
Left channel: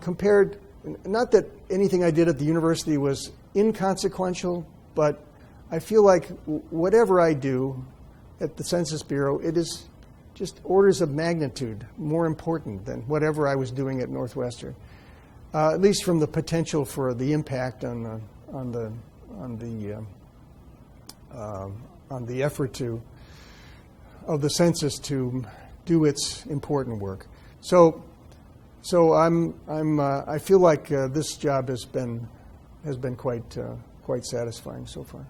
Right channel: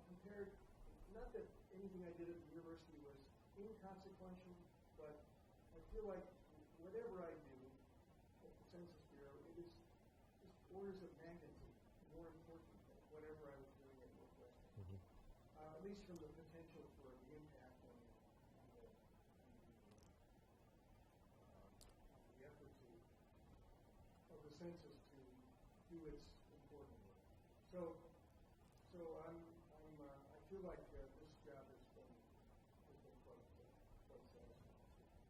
compared, not that anything I did at the university was inconsequential, but I feel like whatever I do at the Census Bureau, it is just orders of magnitude more important than whatever I was doing at Northwestern, at least from the potential for the impact on the effort of the census to do its important work. So I feel like this job has been quite satisfying so far.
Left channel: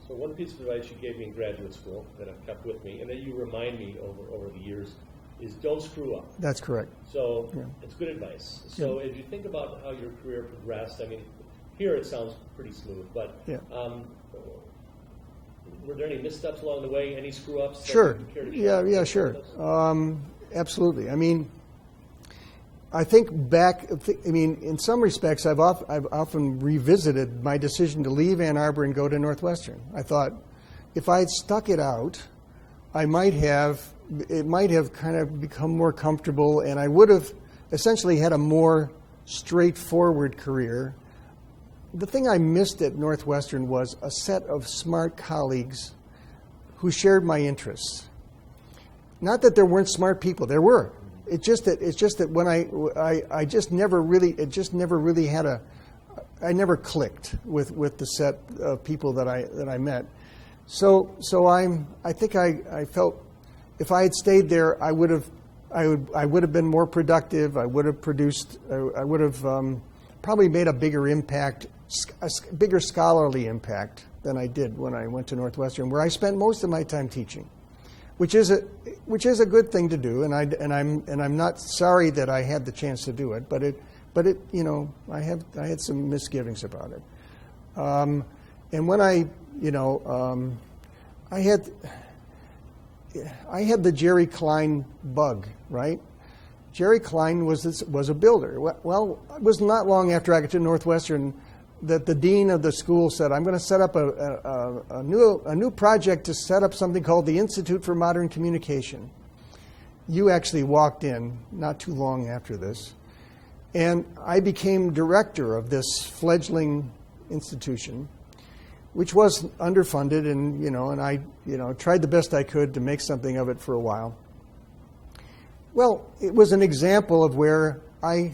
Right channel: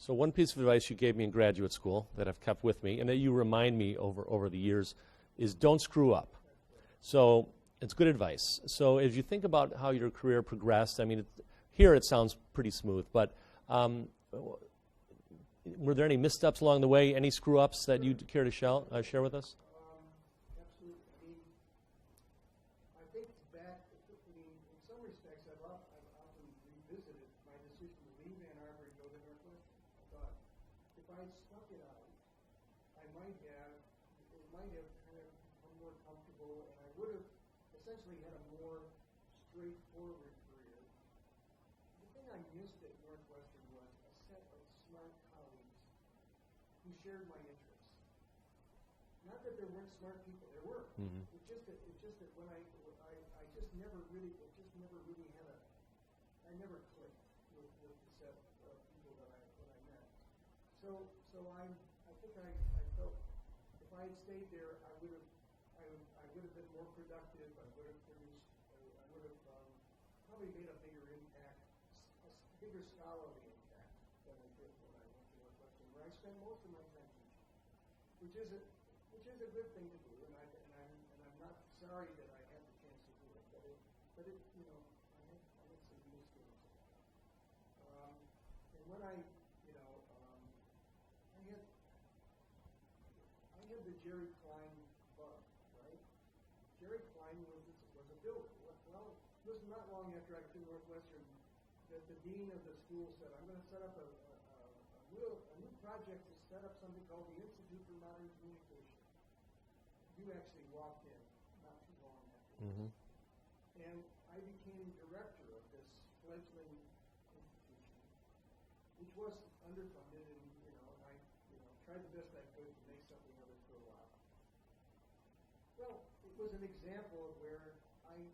So one piece of advice you gave me in graduate school that I've kept with me, and that you remind me over the years, is don't screw up. That's correct. So it's good advice. So as you think about how your career progressed, I mean, here it sounds pretty smooth, but were there any missteps along the way? Any screw ups that you care to share? Yeah, sure. Absolutely. I mean, I think back. In some respects, I've often revisited my decision to leave Ann Arbor and go to Northwestern. I thought, if I had stuck it out, it might have kind of become more comfortable, and I would have essentially had a more straightforward career. The thing I missed at Northwestern was a set of smart colleagues who shared my interests. Not that there weren't smart people; there were. It's just that when I just never really I never clicked with the set of people that I met. So I think I felt if I had stayed there, I would have been more productive. I would have produced. I would have probably made a bigger impact, a bigger scholarly impact than I did when I went to Northwestern, where I spent most of my time teaching. Which is a good thing to do, and I'm not sorry that I had the chance to do it, but I had some misgivings about it, and when I had the Jerry Klein bug, right? Jerry Klein was a builder. Well, it was not long after I got to Northwestern that the dean of the school said, I'm going to set up a new project to set up something called the Institute for Modern Communication. You actually walked in not too long after this, and I became director of this fledgling institution. which was underfunded, and I tried the best I could to make something of it for a while. Well, it was an example of where I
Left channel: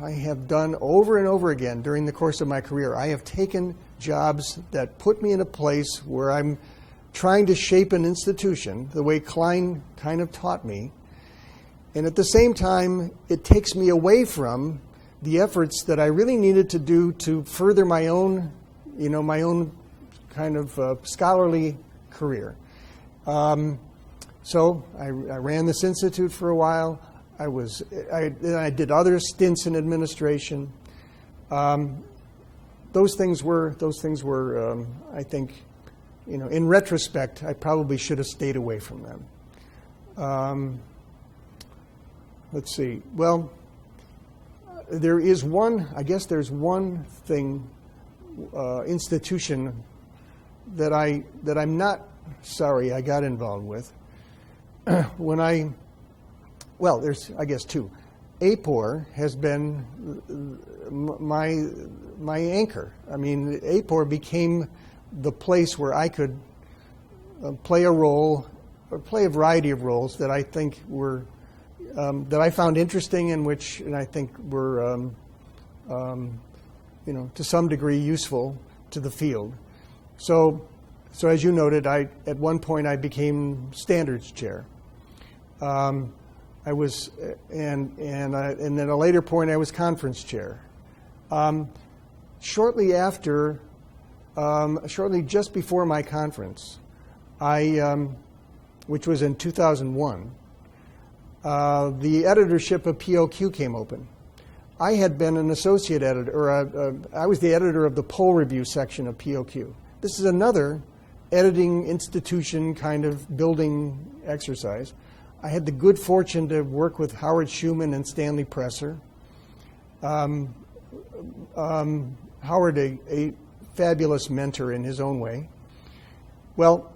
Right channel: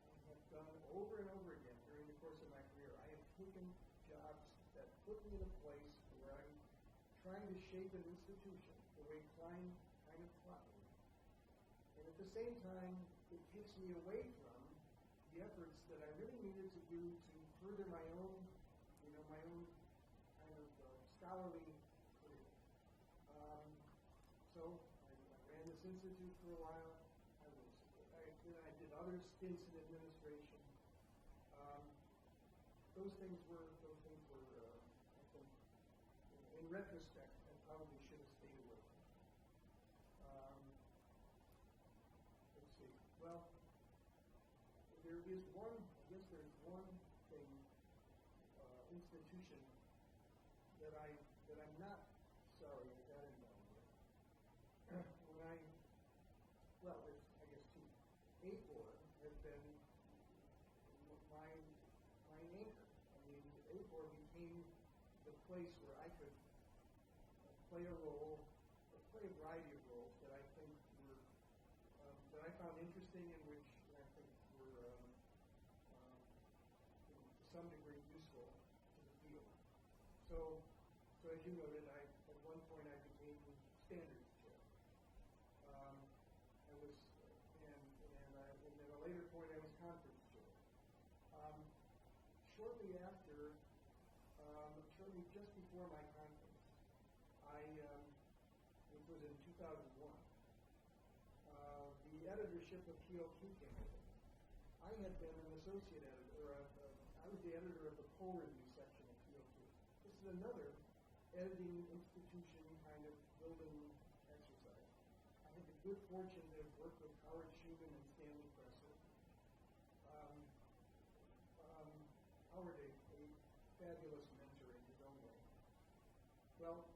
have done over and over again during the course of my career. I have taken jobs that put me in a place where I'm trying to shape an institution the way Klein kind of taught me, and at the same time, it takes me away from the efforts that I really needed to do to further my own kind of scholarly career. So I ran this institute for a while. I did other stints in administration. Those things were, I think, in retrospect, I probably should have stayed away from them. Let's see. Well, there's one thing, institution that I'm not sorry I got involved with. There's, I guess, two. AAPOR has been my anchor. I mean, AAPOR became the place where I could play a role, or play a variety of roles that I think were, that I found interesting, and I think were, to some degree useful to the field. So as you noted, at one point I became standards chair. I was, and then at a later point I was conference chair. Shortly just before my conference, which was in 2001, the editorship of POQ came open. I had been an associate editor, or I was the editor of the poll review section of POQ. This is another editing institution kind of building exercise. I had the good fortune to work with Howard Schuman and Stanley Presser. Howard, a fabulous mentor in his own way. Well,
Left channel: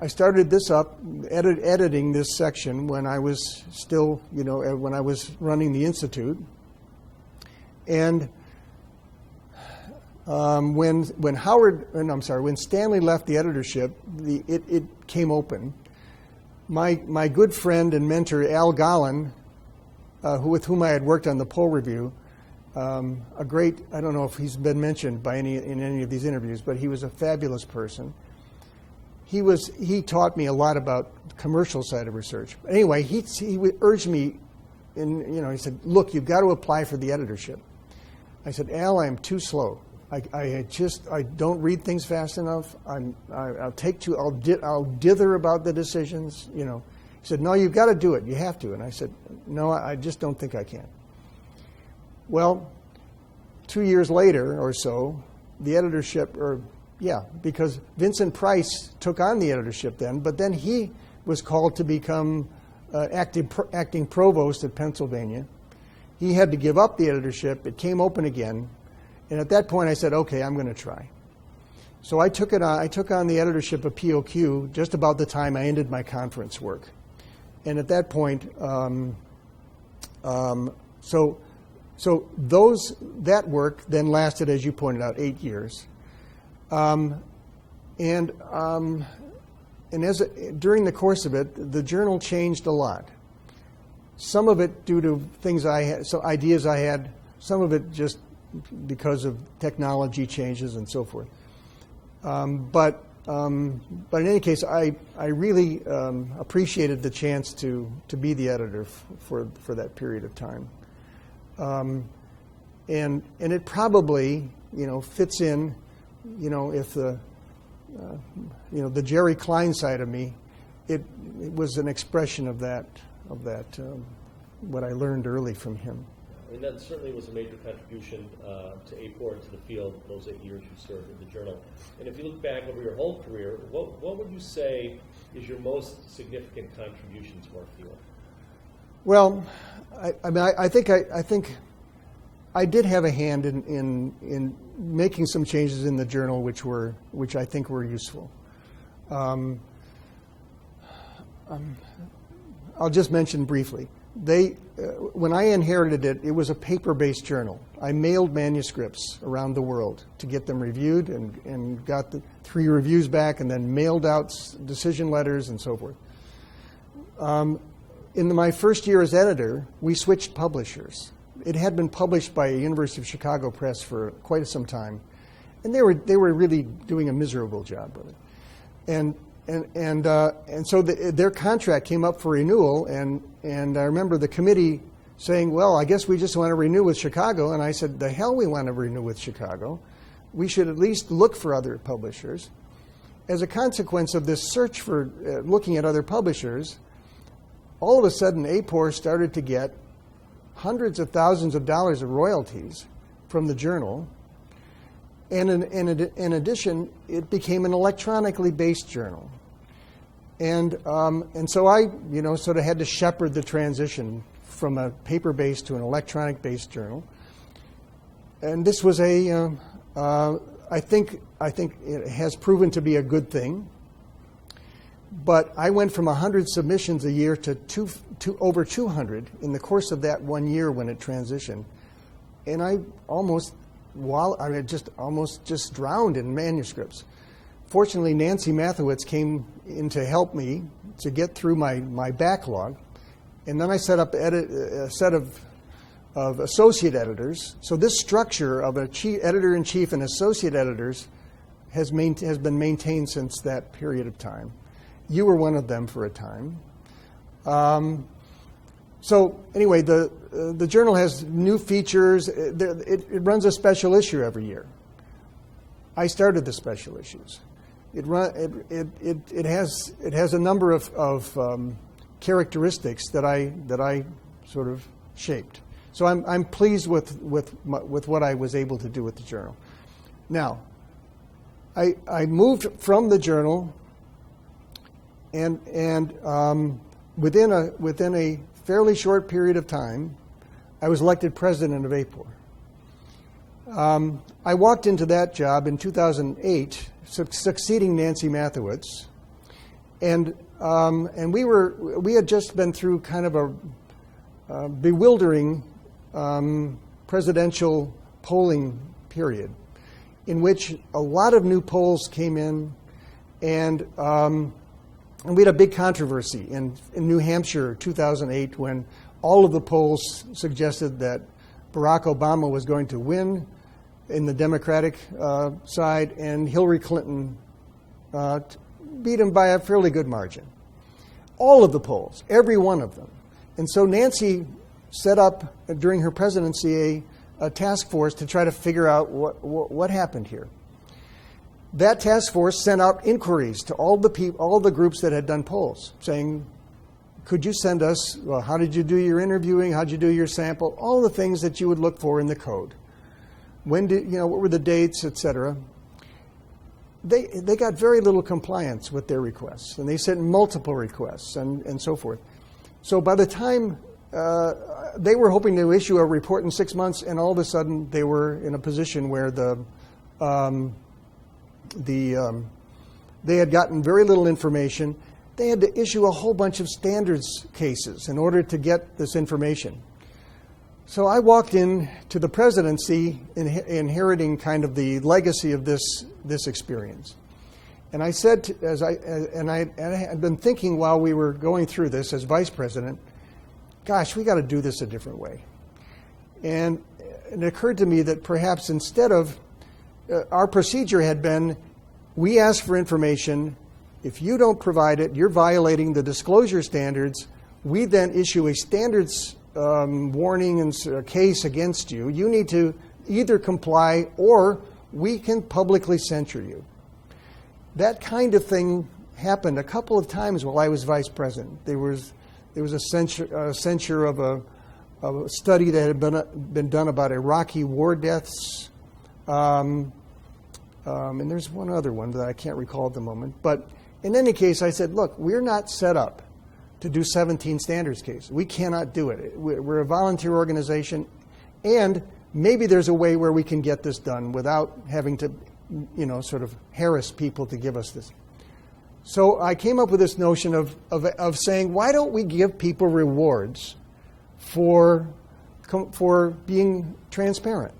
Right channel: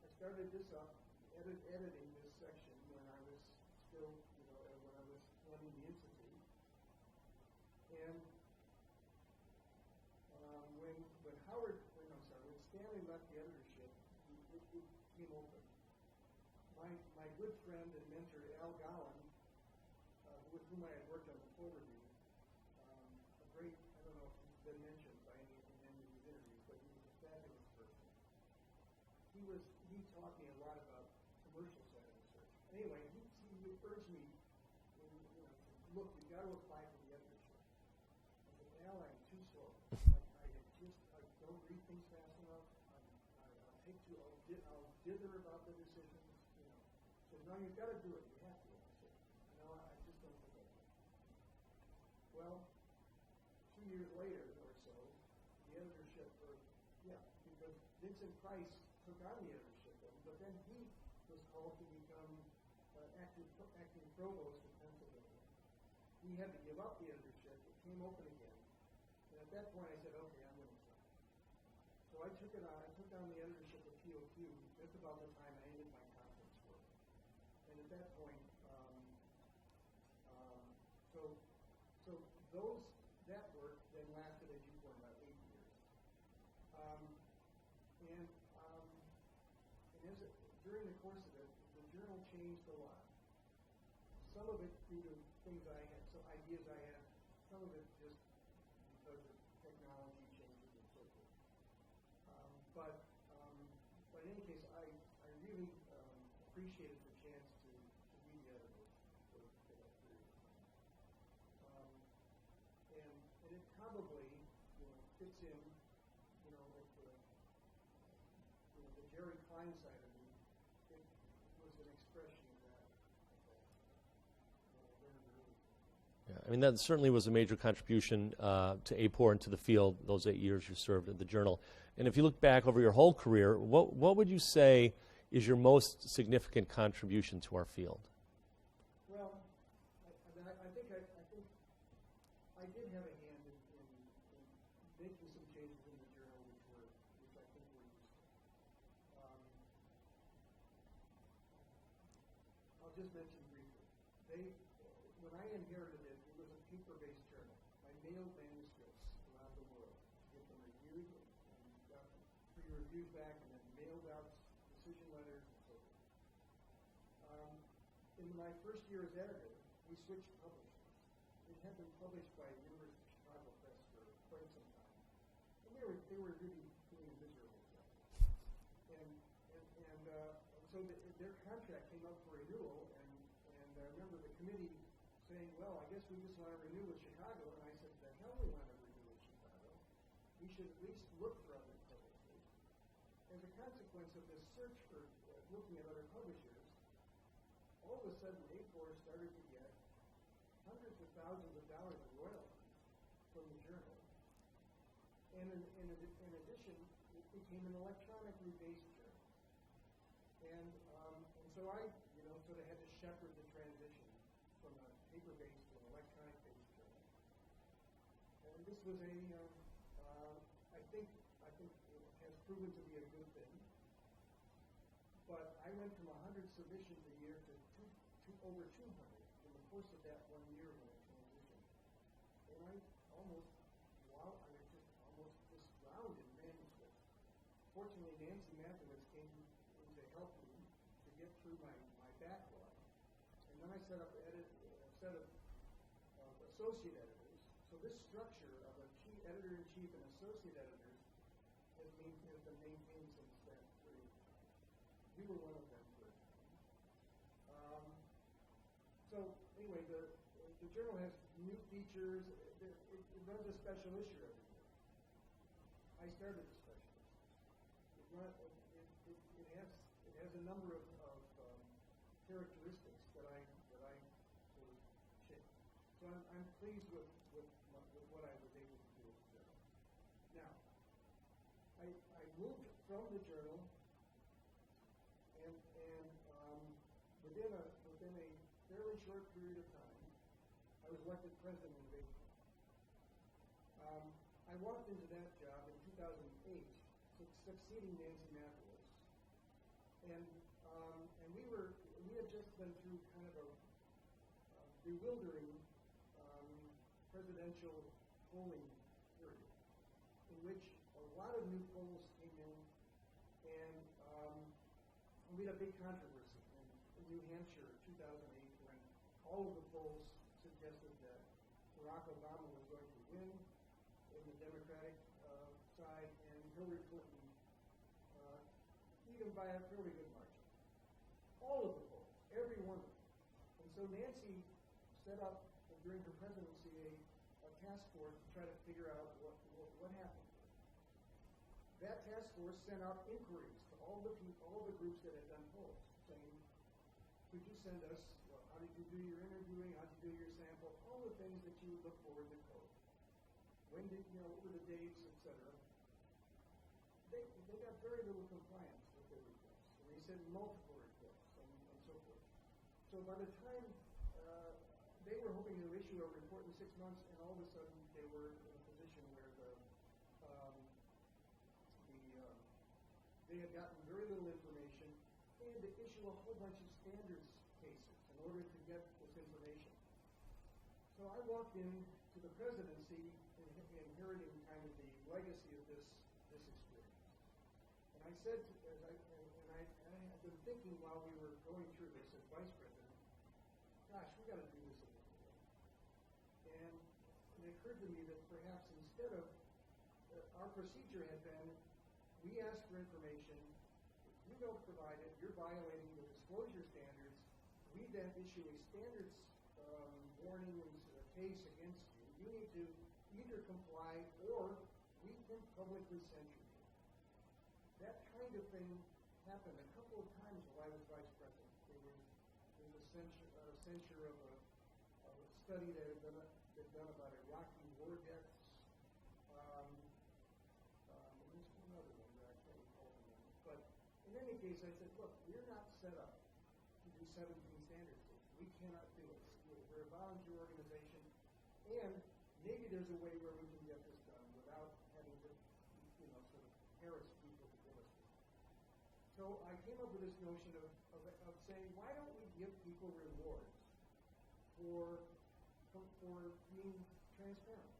I started this up, editing this section when I was still, when I was running the Institute. And when Stanley left the editorship, it came open. My good friend and mentor, Al Gollin, with whom I had worked on the poll review, a great, I don't know if he's been mentioned in any of these interviews, but he was a fabulous person. He taught me a lot about the commercial side of research. But anyway, he urged me, he said, look, you've got to apply for the editorship. I said, Al, I'm too slow. I don't read things fast enough. I'll dither about the decisions. He said, no, you've got to do it. You have to. And I said, no, I just don't think I can. Well, 2 years later or so, the editorship, because Vincent Price took on the editorship then, but then he was called to become acting provost at Pennsylvania. He had to give up the editorship. It came open again. And at that point, I said, okay, I'm going to try. So I took it on. I took on the editorship of POQ just about the time I ended my conference work. And at that point, that work then lasted, as you pointed out, 8 years. During the course of it, the journal changed a lot. Some of it due to things ideas I had. Some of it just because of technology changes and so forth. But in any case, I really appreciated the chance to be the editor for that period of time. And it probably fits in, if the Jerry Klein side of me, it was an expression of that what I learned early from him. I mean, that certainly was a major contribution to AAPOR and to the field those 8 years you served in the journal. And if you look back over your whole career, what would you say is your most significant contribution to our field? Well, I think I did have a hand in making some changes in the journal, which I think were useful. I'll just mention briefly. when I inherited it, it was a paper-based journal. I mailed manuscripts around the world to get them reviewed and got the 3 reviews back and then mailed out decision letters and so forth. In my first year as editor, we switched publishers. It had been published by a University of Chicago press for quite some time, and they were really doing a miserable job with it. And so their contract came up for renewal, and I remember the committee saying, well, I guess we just want to renew with Chicago. And I said, the hell we want to renew with Chicago. We should at least look for other publishers. As a consequence of this search for looking at other publishers, all of a sudden AAPOR started to get hundreds of thousands of dollars of royalties from the journal. And in addition, it became an electronically based journal. And so I, sort of had to shepherd the transition from a paper-based to an electronic-based journal. And this was I think it has proven to be a good thing. But I went from 100 submissions a year to over 200 in the course of that 1 year when it transitioned. And I almost drowned in manuscripts. Fortunately, Nancy Mathewitz came in to help me to get through my backlog. And then I set up a set of associate editors. So this structure of a editor-in-chief and associate editors has been maintained since that period of time. You were one of them for a time. So anyway, the journal has new features. It runs a special issue every year. I started the special issues. It has a number of characteristics that I sort of shaped. So I'm pleased with what I was able to do with the journal. Now, I moved from the journal, and within a fairly short period of time, I was elected president of AAPOR. I walked into that job in 2008, succeeding Nancy Mathewitz, and we had just been through kind of a bewildering presidential polling period, in which a lot of new polls came in, and we had a big controversy in New Hampshire, 2008, when all of the polls suggested that Barack Obama was going to win in the Democratic side, and Hillary Clinton beat him by a fairly good margin. All of the polls, every one of them. And so Nancy set up, during her presidency, a task force to try to figure out what happened here. That task force sent out inquiries to all the groups that had done polls, saying, could you send us, well, how did you do your interviewing, how did you do your sample, all the things that you would look for in the code. What were the dates, et cetera. They got very little compliance with their requests, and they sent multiple requests and so forth. So by the time they were hoping to issue a report in 6 months, and all of a sudden they were in a position where they had gotten very little information. They had to issue a whole bunch of standards cases in order to get this information. So I walked in to the presidency inheriting kind of the legacy of this experience. And I said, I had been thinking while we were going through this as vice president, gosh, we got to do this a different way. And it occurred to me that perhaps instead of, our procedure had been, we ask for information, if you don't provide it, you're violating the disclosure standards, we then issue a standards warning and case against you. You need to either comply or we can publicly censure you. That kind of thing happened a couple of times while I was vice president. There was a censure of a study that had been done about Iraqi war deaths, and there's one other one that I can't recall at the moment. But in any case, I said, look, we're not set up to do 17 standards cases. We cannot do it. We're a volunteer organization, and maybe there's a way where we can get this done without having to, sort of harass people to give us this. So I came up with this notion of saying, why don't we give people rewards for being transparent,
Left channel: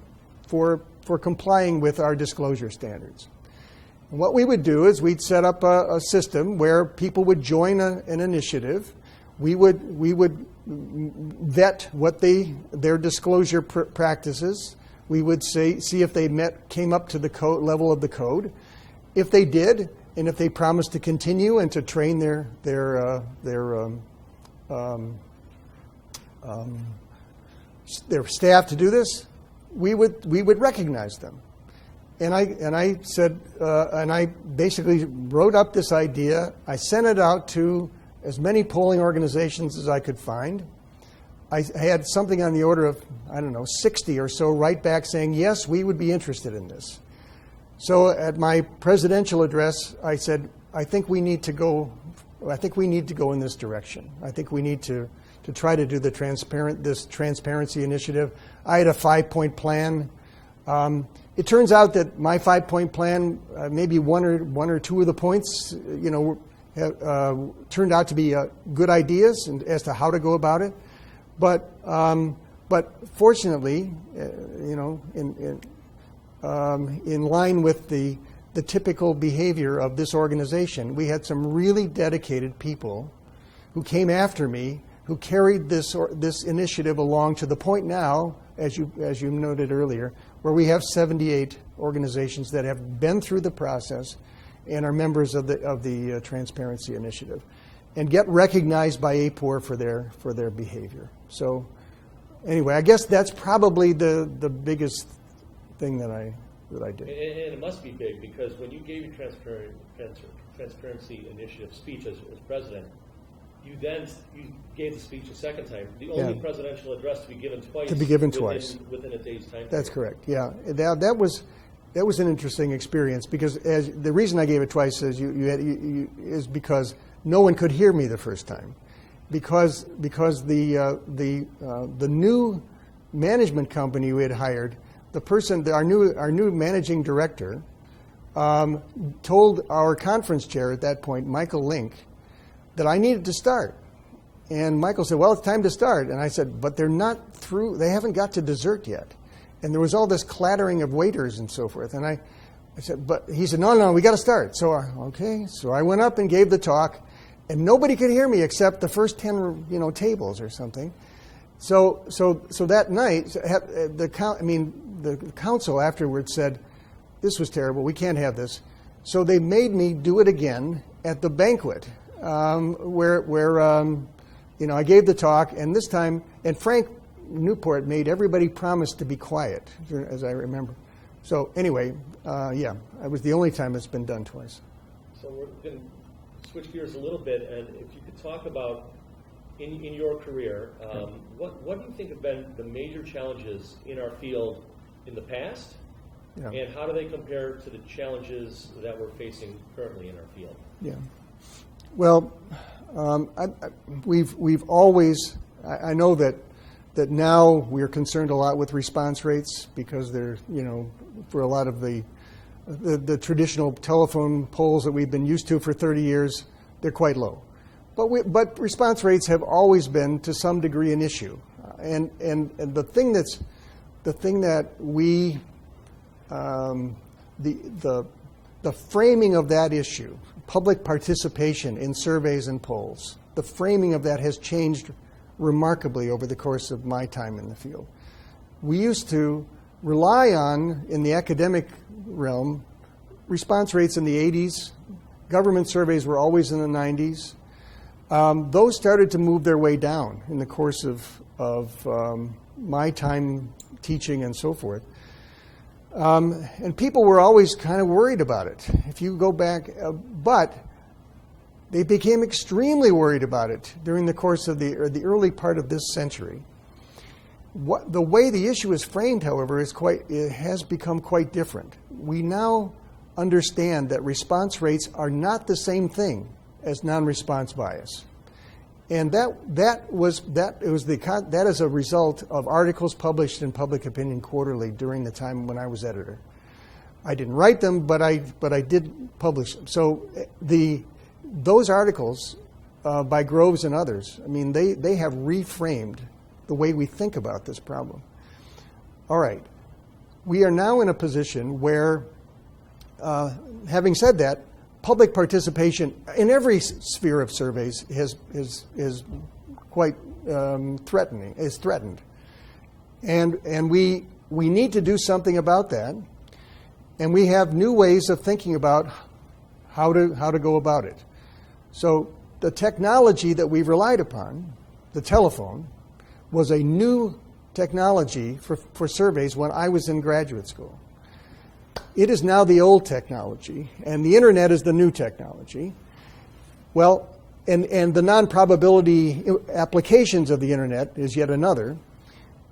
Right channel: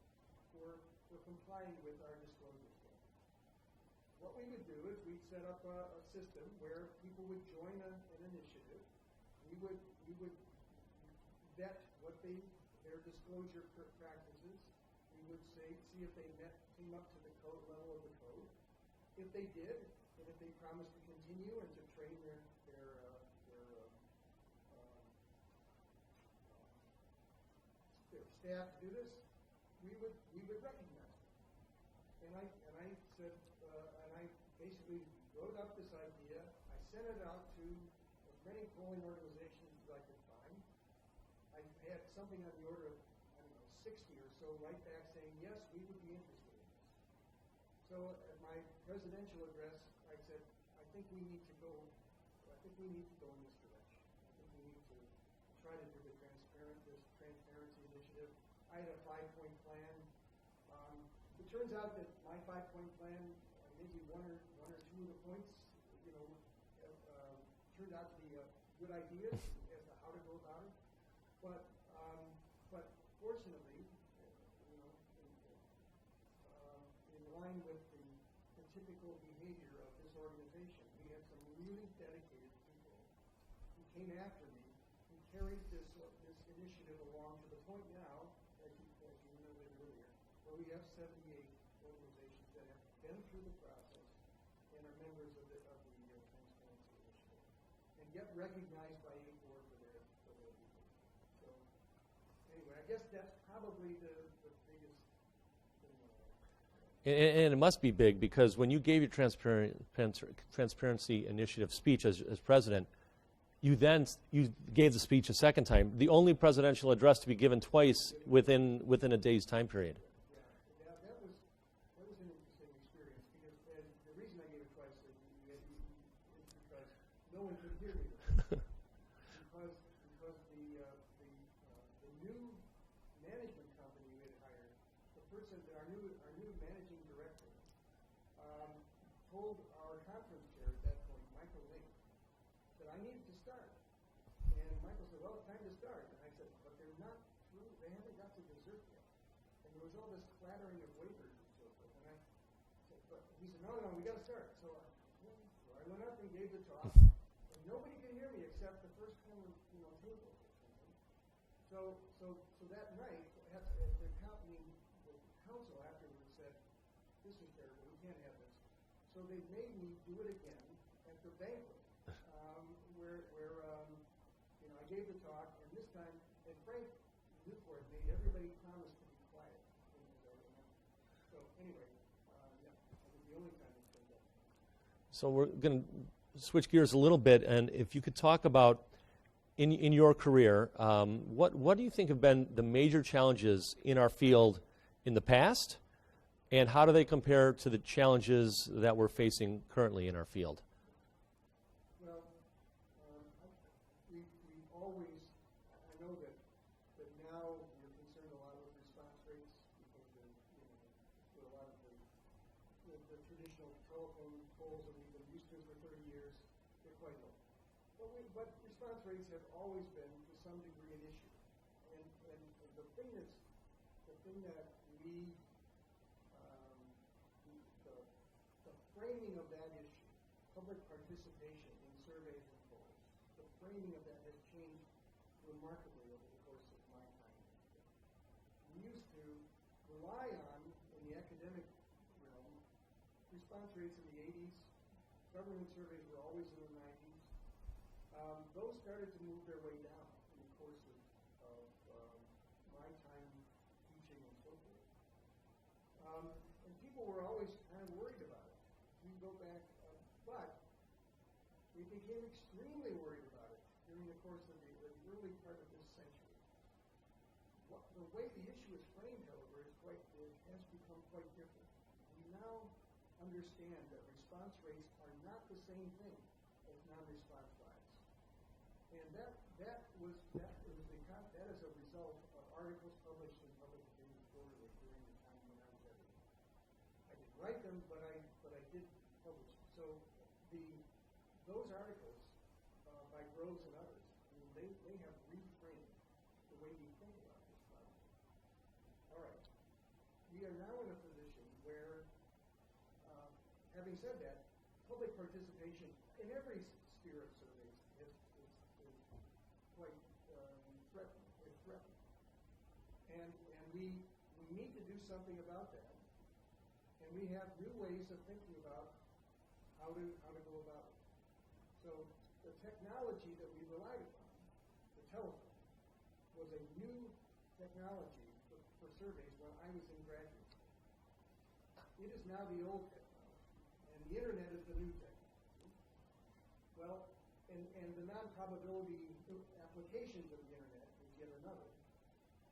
for complying with our disclosure standards. And what we would do is we'd set up a system where people would join an initiative. We would vet what their disclosure practices. We would see if they came up to the level of the code. If they did, and if they promised to continue and to train their staff to do this, we would recognize them. And I said, and I basically wrote up this idea. I sent it out to as many polling organizations as I could find. I had something on the order of, 60 or so write back saying, yes, we would be interested in this. So at my presidential address, I said, I think we need to go in this direction. I think we need to try to do this transparency initiative. I had a 5-point plan. It turns out that my 5-point plan, maybe one or two of the points, turned out to be good ideas as to how to go about it. But fortunately, in line with the typical behavior of this organization, we had some really dedicated people who came after me, who carried this initiative along to the point now, as you noted earlier, where we have 78 organizations that have been through the process and are members of the Transparency Initiative, and get recognized by AAPOR for their behavior. So, anyway, I guess that's probably the biggest thing that I did. And it must be big, because when you gave your Transparency Initiative speech as president, you gave the speech a second time. The only presidential address to be given twice. Within a day's time period. That's correct. Yeah, that was an interesting experience, because the reason I gave it twice is because no one could hear me the first time, because the new management company we had hired, our new managing director, told our conference chair at that point, Michael Link, that I needed to start. And Michael said, well, it's time to start. And I said, but they're not through, they haven't got to dessert yet. And there was all this clattering of waiters and so forth. And I said, but he said, no, we got to start. So, okay. So I went up and gave the talk, and nobody could hear me except the first 10, tables or something. So that night, the council afterwards said, this was terrible, we can't have this. So they made me do it again at the banquet, where I gave the talk, and this time, and Frank Newport made everybody promise to be quiet, as I remember. So anyway, it was the only time it's been done twice. So we're going to switch gears a little bit, and if you could talk about, in your career, what do you think have been the major challenges in our field in the past, and how do they compare to the challenges that we're facing currently in our field? Yeah. Well, we've always, I know that now we're concerned a lot with response rates, because they're, for a lot of the traditional telephone polls that we've been used to for 30 years, they're quite low. But response rates have always been, to some degree, an issue. And the thing that we, the framing of that issue, public participation in surveys and polls, the framing of that has changed remarkably over the course of my time in the field. We used to rely on, in the academic realm, response rates in the 80s. Government surveys were always in the 90s. Those started to move their way down in the course of my time teaching and so forth. And people were always kind of worried about it. If you go back, but they became extremely worried about it during the course of the early part of this century. The way the issue is framed, however, has become quite different. We now understand that response rates are not the same thing as non-response bias, and that is a result of articles published in Public Opinion Quarterly during the time when I was editor. I didn't write them, but I did publish them. So those articles by Groves and others, they have reframed the way we think about this problem. All right. We are now in a position where, having said that, public participation in every sphere of surveys is quite threatened. And we need to do something about that. And we have new ways of thinking about how to go about it. So the technology that we've relied upon, the telephone, was a new technology for surveys when I was in graduate school. It is now the old technology, and the internet is the new technology. Well, and the non-probability applications of the internet is yet another.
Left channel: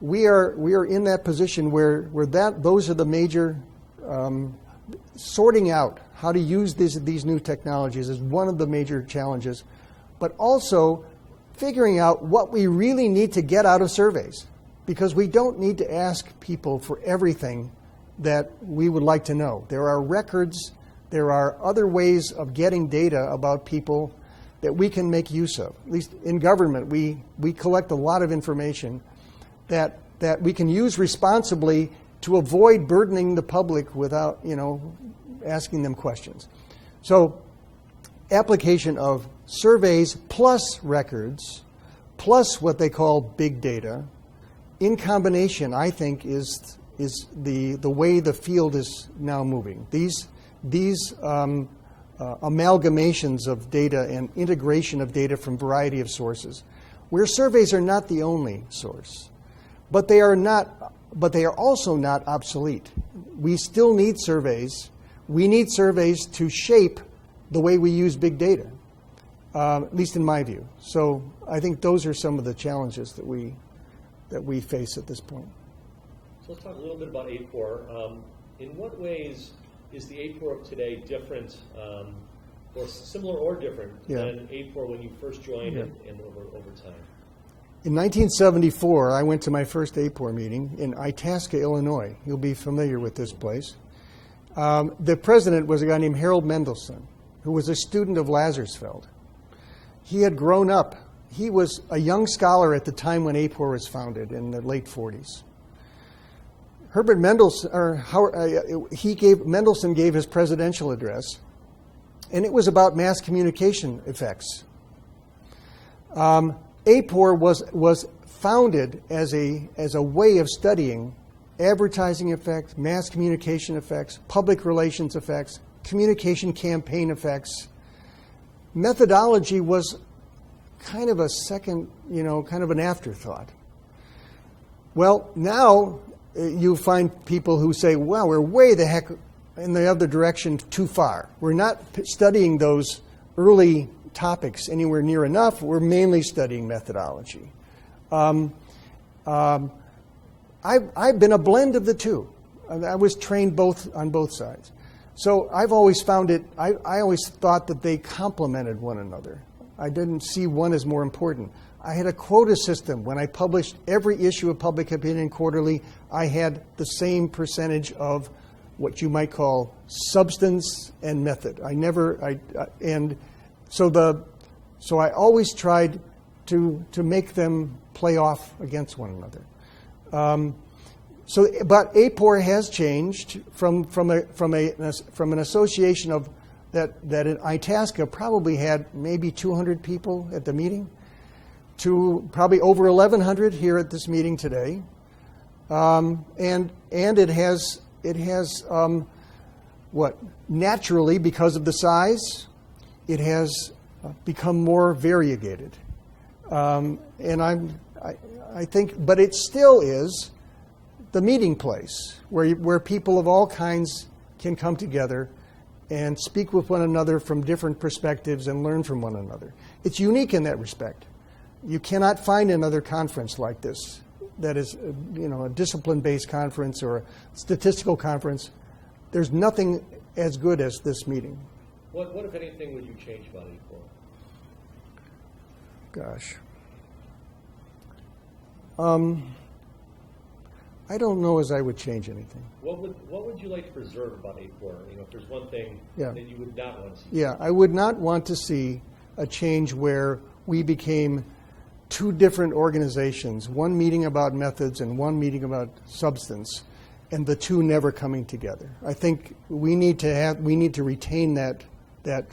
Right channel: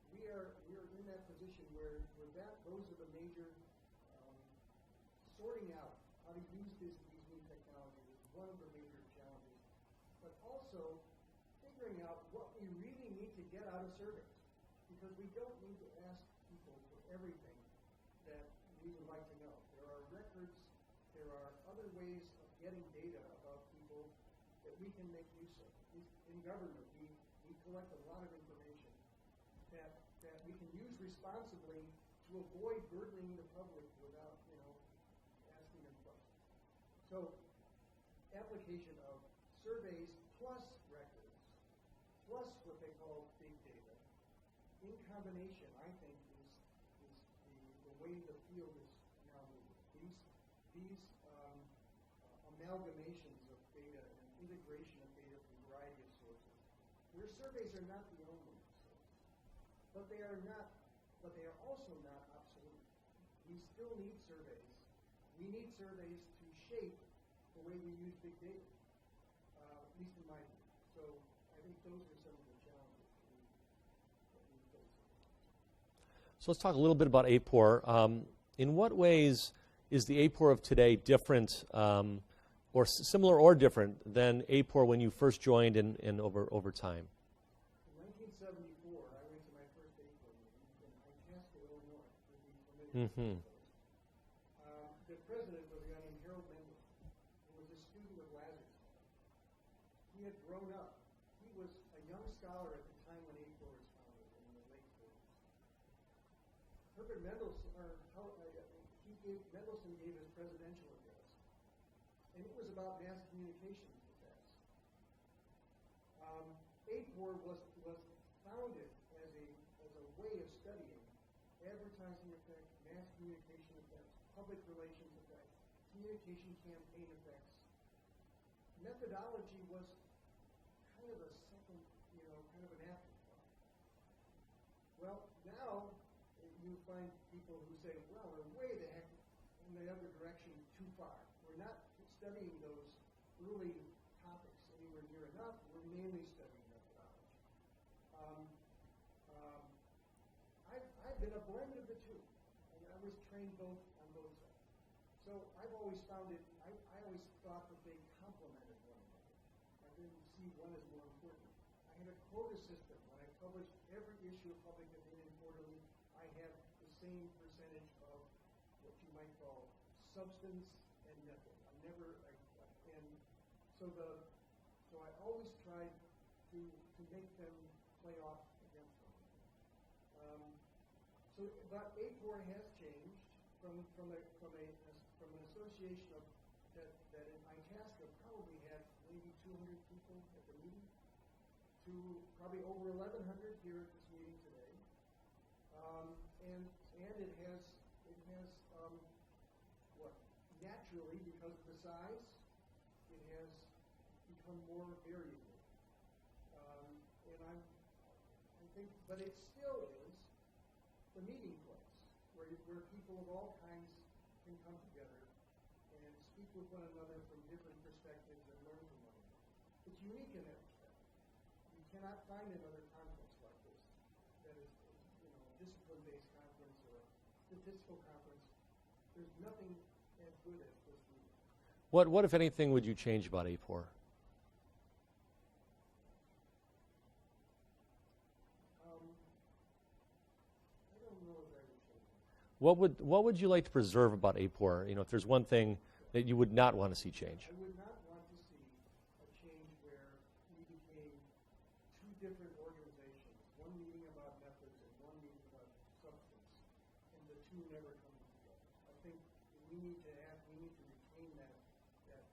We are in that position where those are the major sorting out how to use these new technologies is one of the major challenges, but also figuring out what we really need to get out of surveys, because we don't need to ask people for everything that we would like to know. There are records, there are other ways of getting data about people that we can make use of. At least in government, we collect a lot of information that we can use responsibly to avoid burdening the public without, asking them questions. So application of surveys plus records plus what they call big data in combination, I think, is the way the field is now moving. These amalgamations of data and integration of data from a variety of sources, where surveys are not the only source, but they are also not obsolete. We still need surveys. We need surveys to shape the way we use big data, at least in my view. So I think those are some of the challenges that we face at this point. So let's talk a little bit about AAPOR. In what ways is the AAPOR of today different, or similar or different than AAPOR when you first joined and over time? In 1974, I went to my first AAPOR meeting in Itasca, Illinois. You'll be familiar with this place. The president was a guy named Harold Mendelson, who was a student of Lazarsfeld. He had grown up. He was a young scholar at the time when AAPOR was founded in the late 40s. Herbert Mendelson, Mendelson gave his presidential address, and it was about mass communication effects. AAPOR was founded as a way of studying advertising effects, mass communication effects, public relations effects, communication campaign effects. Methodology was kind of a second, kind of an afterthought. Well, now you find people who say, well, we're way the heck in the other direction too far. We're not studying those early topics anywhere near enough. We're mainly studying methodology. I've been a blend of the two. I was trained on both sides. So I've always found I always thought that they complemented one another. I didn't see one as more important. I had a quota system. When I published every issue of Public Opinion Quarterly, I had the same percentage of what you might call substance and method. So I always tried to make them play off against one another. But AAPOR has changed from an association of that in Itasca probably had maybe 200 people at the meeting to probably over 1,100 here at this meeting today, and it has naturally, because of the size, it has become more variegated, and I think, but it still is the meeting place where people of all kinds can come together and speak with one another from different perspectives and learn from one another. It's unique in that respect. You cannot find another conference like this that is, a discipline-based conference or a statistical conference. There's nothing as good as this meeting. What if anything, would you change about AAPOR? Gosh. I don't know as I would change anything. What would you like to preserve about AAPOR? If there's one thing that you would not want to see change. Yeah, I would not want to see a change where we became two different organizations, one meeting about methods and one meeting about substance, and the two never coming together. I think we need to retain that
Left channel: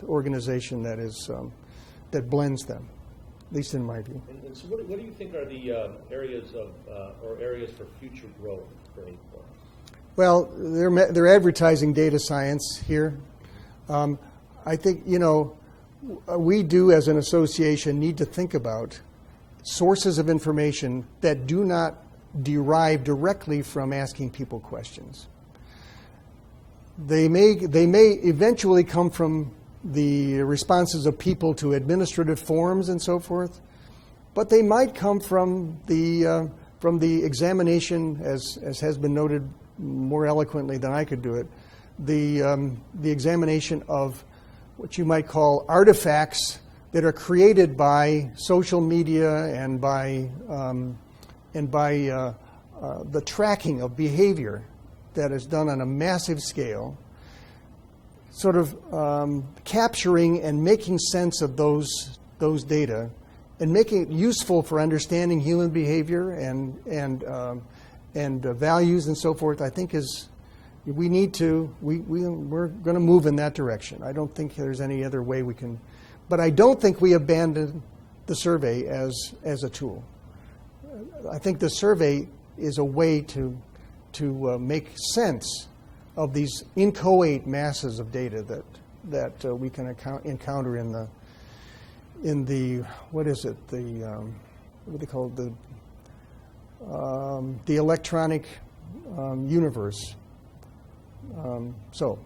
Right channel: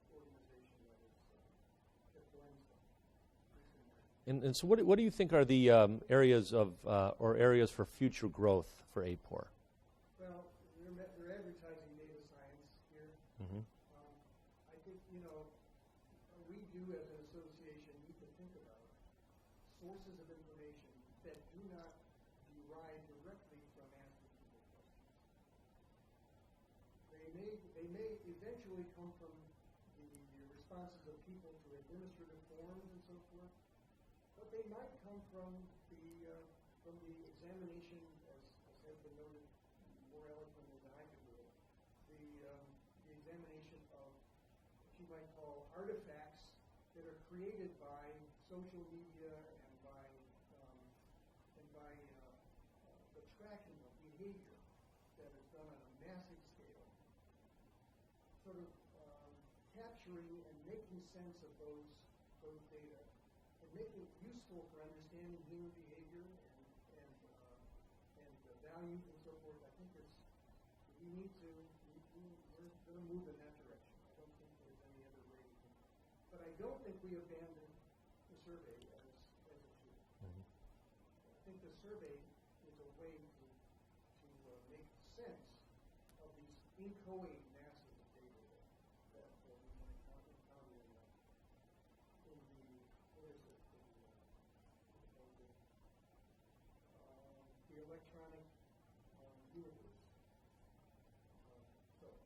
organization that blends them, at least in my view. And so what do you think are the areas for future growth for AAPOR? Well, they're advertising data science here. I think, we do as an association need to think about sources of information that do not derive directly from asking people questions. They may eventually come from the responses of people to administrative forms and so forth, but they might come from the examination, as has been noted more eloquently than I could do it, the examination of what you might call artifacts that are created by social media and by the tracking of behavior that is done on a massive scale, sort of capturing and making sense of those data and making it useful for understanding human behavior and values and so forth. I think we're going to move in that direction. I don't think there's any other way we can, but I don't think we abandon the survey as a tool. I think the survey is a way to make sense of these inchoate masses of data that we can encounter in the what is it, what do they call it, the electronic universe. So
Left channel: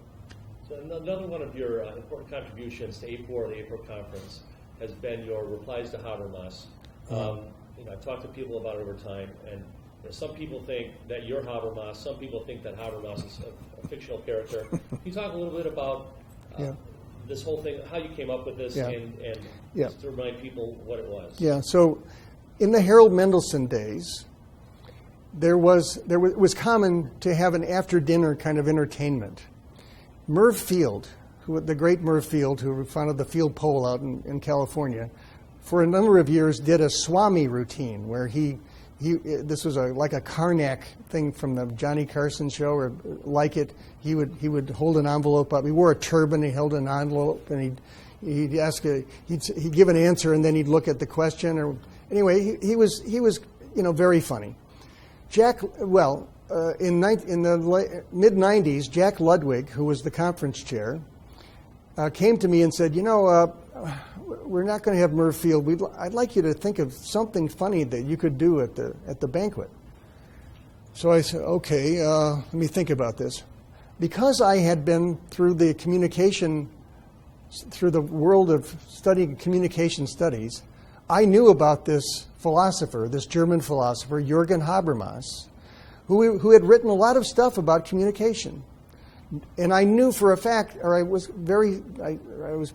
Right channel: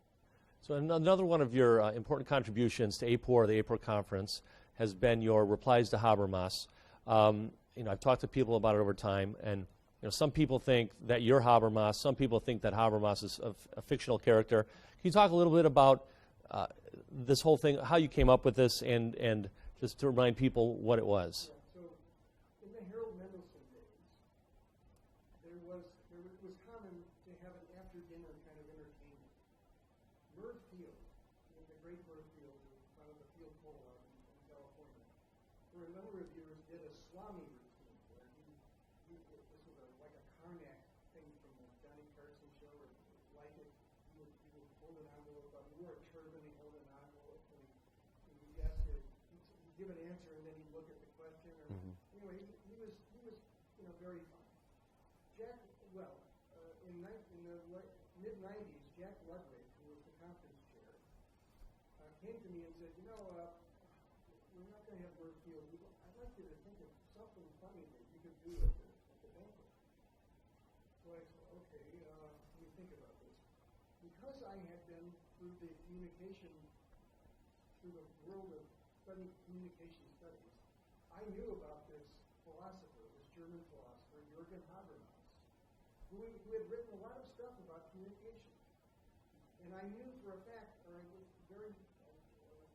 another one of your important contributions to AAPOR, the AAPOR conference, has been your replies to Habermas. I've talked to people about it over time, and some people think that you're Habermas. Some people think that Habermas is a fictional character. Can you talk a little bit about this whole thing, how you came up with this, and just to remind people what it was? Yeah. So, in the Harold Mendelsohn days, it was common to have an after-dinner kind of entertainment. Merv Field, the great Merv Field, who founded the Field Pole out in California, for a number of years did a Swami routine where this was like a Karnak thing from the Johnny Carson show, or like it. He would hold an envelope up. He wore a turban. He held an envelope, and he'd give an answer, and then he'd look at the question. Or anyway, he was very funny. In the mid-'90s, Jack Ludwig, who was the conference chair, came to me and said, we're not going to have Merv Field. I'd like you to think of something funny that you could do at the banquet. So I said, okay, let me think about this. Because I had been through the world of studying communication studies, I knew about this philosopher, this German philosopher, Jürgen Habermas, who had written a lot of stuff about communication. And I knew for a fact, or I was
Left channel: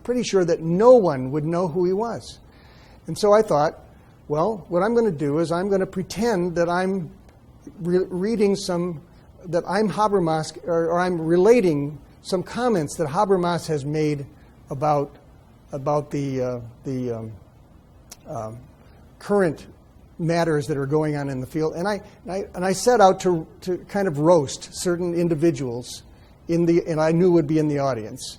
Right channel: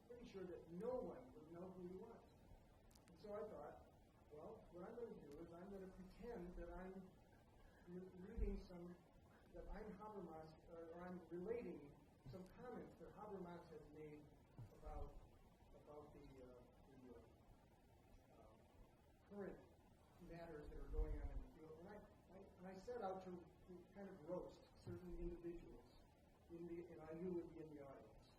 pretty sure that no one would know who he was. And so I thought, well, what I'm going to do is I'm going to pretend that I'm that I'm Habermas, or I'm relating some comments that Habermas has made about the current matters that are going on in the field. And I set out to kind of roast certain individuals and I knew would be in the audience.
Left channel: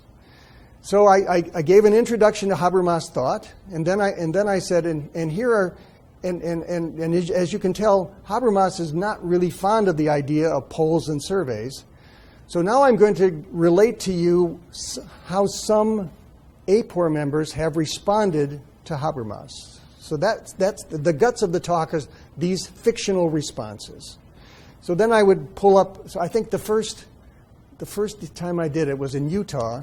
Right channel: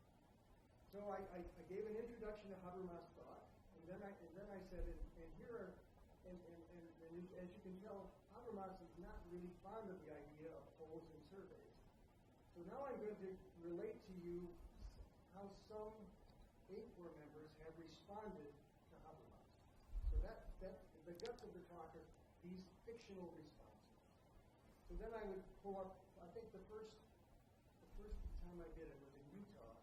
So I gave an introduction to Habermas thought, and then I said, and here are, and as you can tell, Habermas is not really fond of the idea of polls and surveys. So now I'm going to relate to you how some AAPOR members have responded to Habermas. So that's the guts of the talk, is these fictional responses. So then I would pull up. So I think the first time I did it was in Utah,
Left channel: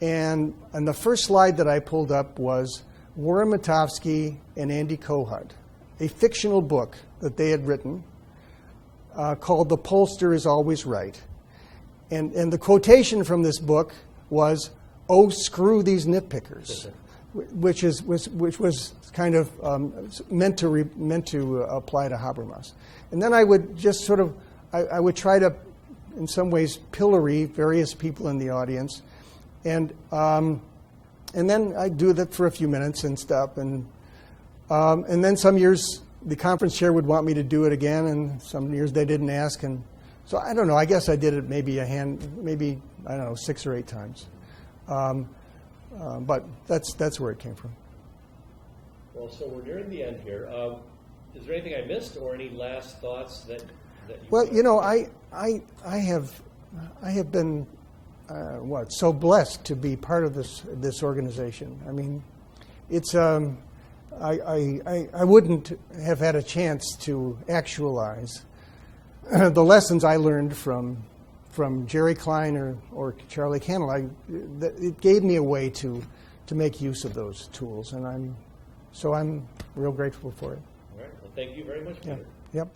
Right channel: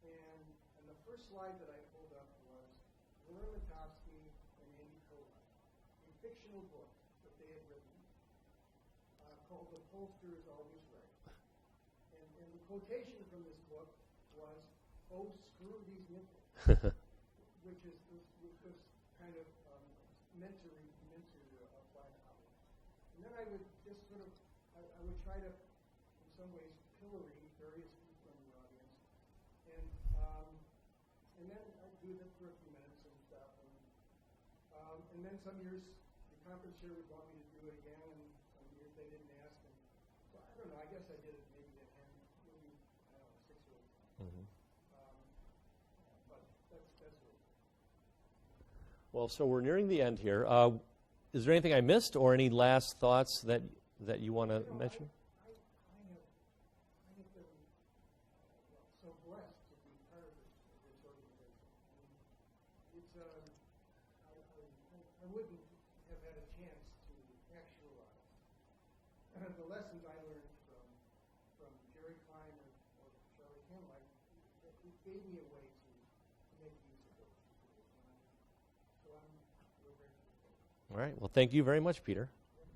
and the first slide that I pulled up was Warren Matofsky and Andy Kohut, a fictional book that they had written called "The Pollster is Always Right," and the quotation from this book was, "Oh, screw these nitpickers," which was kind of meant to apply to Habermas. And then I would just sort of I would try to, in some ways, pillory various people in the audience, and then I'd do that for a few minutes and stop, and And then some years the conference chair would want me to do it again, and some years they didn't ask. And so I don't know. I guess I did it maybe I don't know, 6 or 8 times. But that's where it came from. Well, so we're nearing the end here. Is there anything I missed, or any last thoughts that you? Well, wanna you know, make? I have been so blessed to be part of this organization. I mean, it's I wouldn't have had a chance to actualize the lessons I learned from Jerry Klein or Charlie Cannell. It gave me a way to make use of those tools, and I'm real grateful for it. All right. Well, thank you very much, Peter. Yep.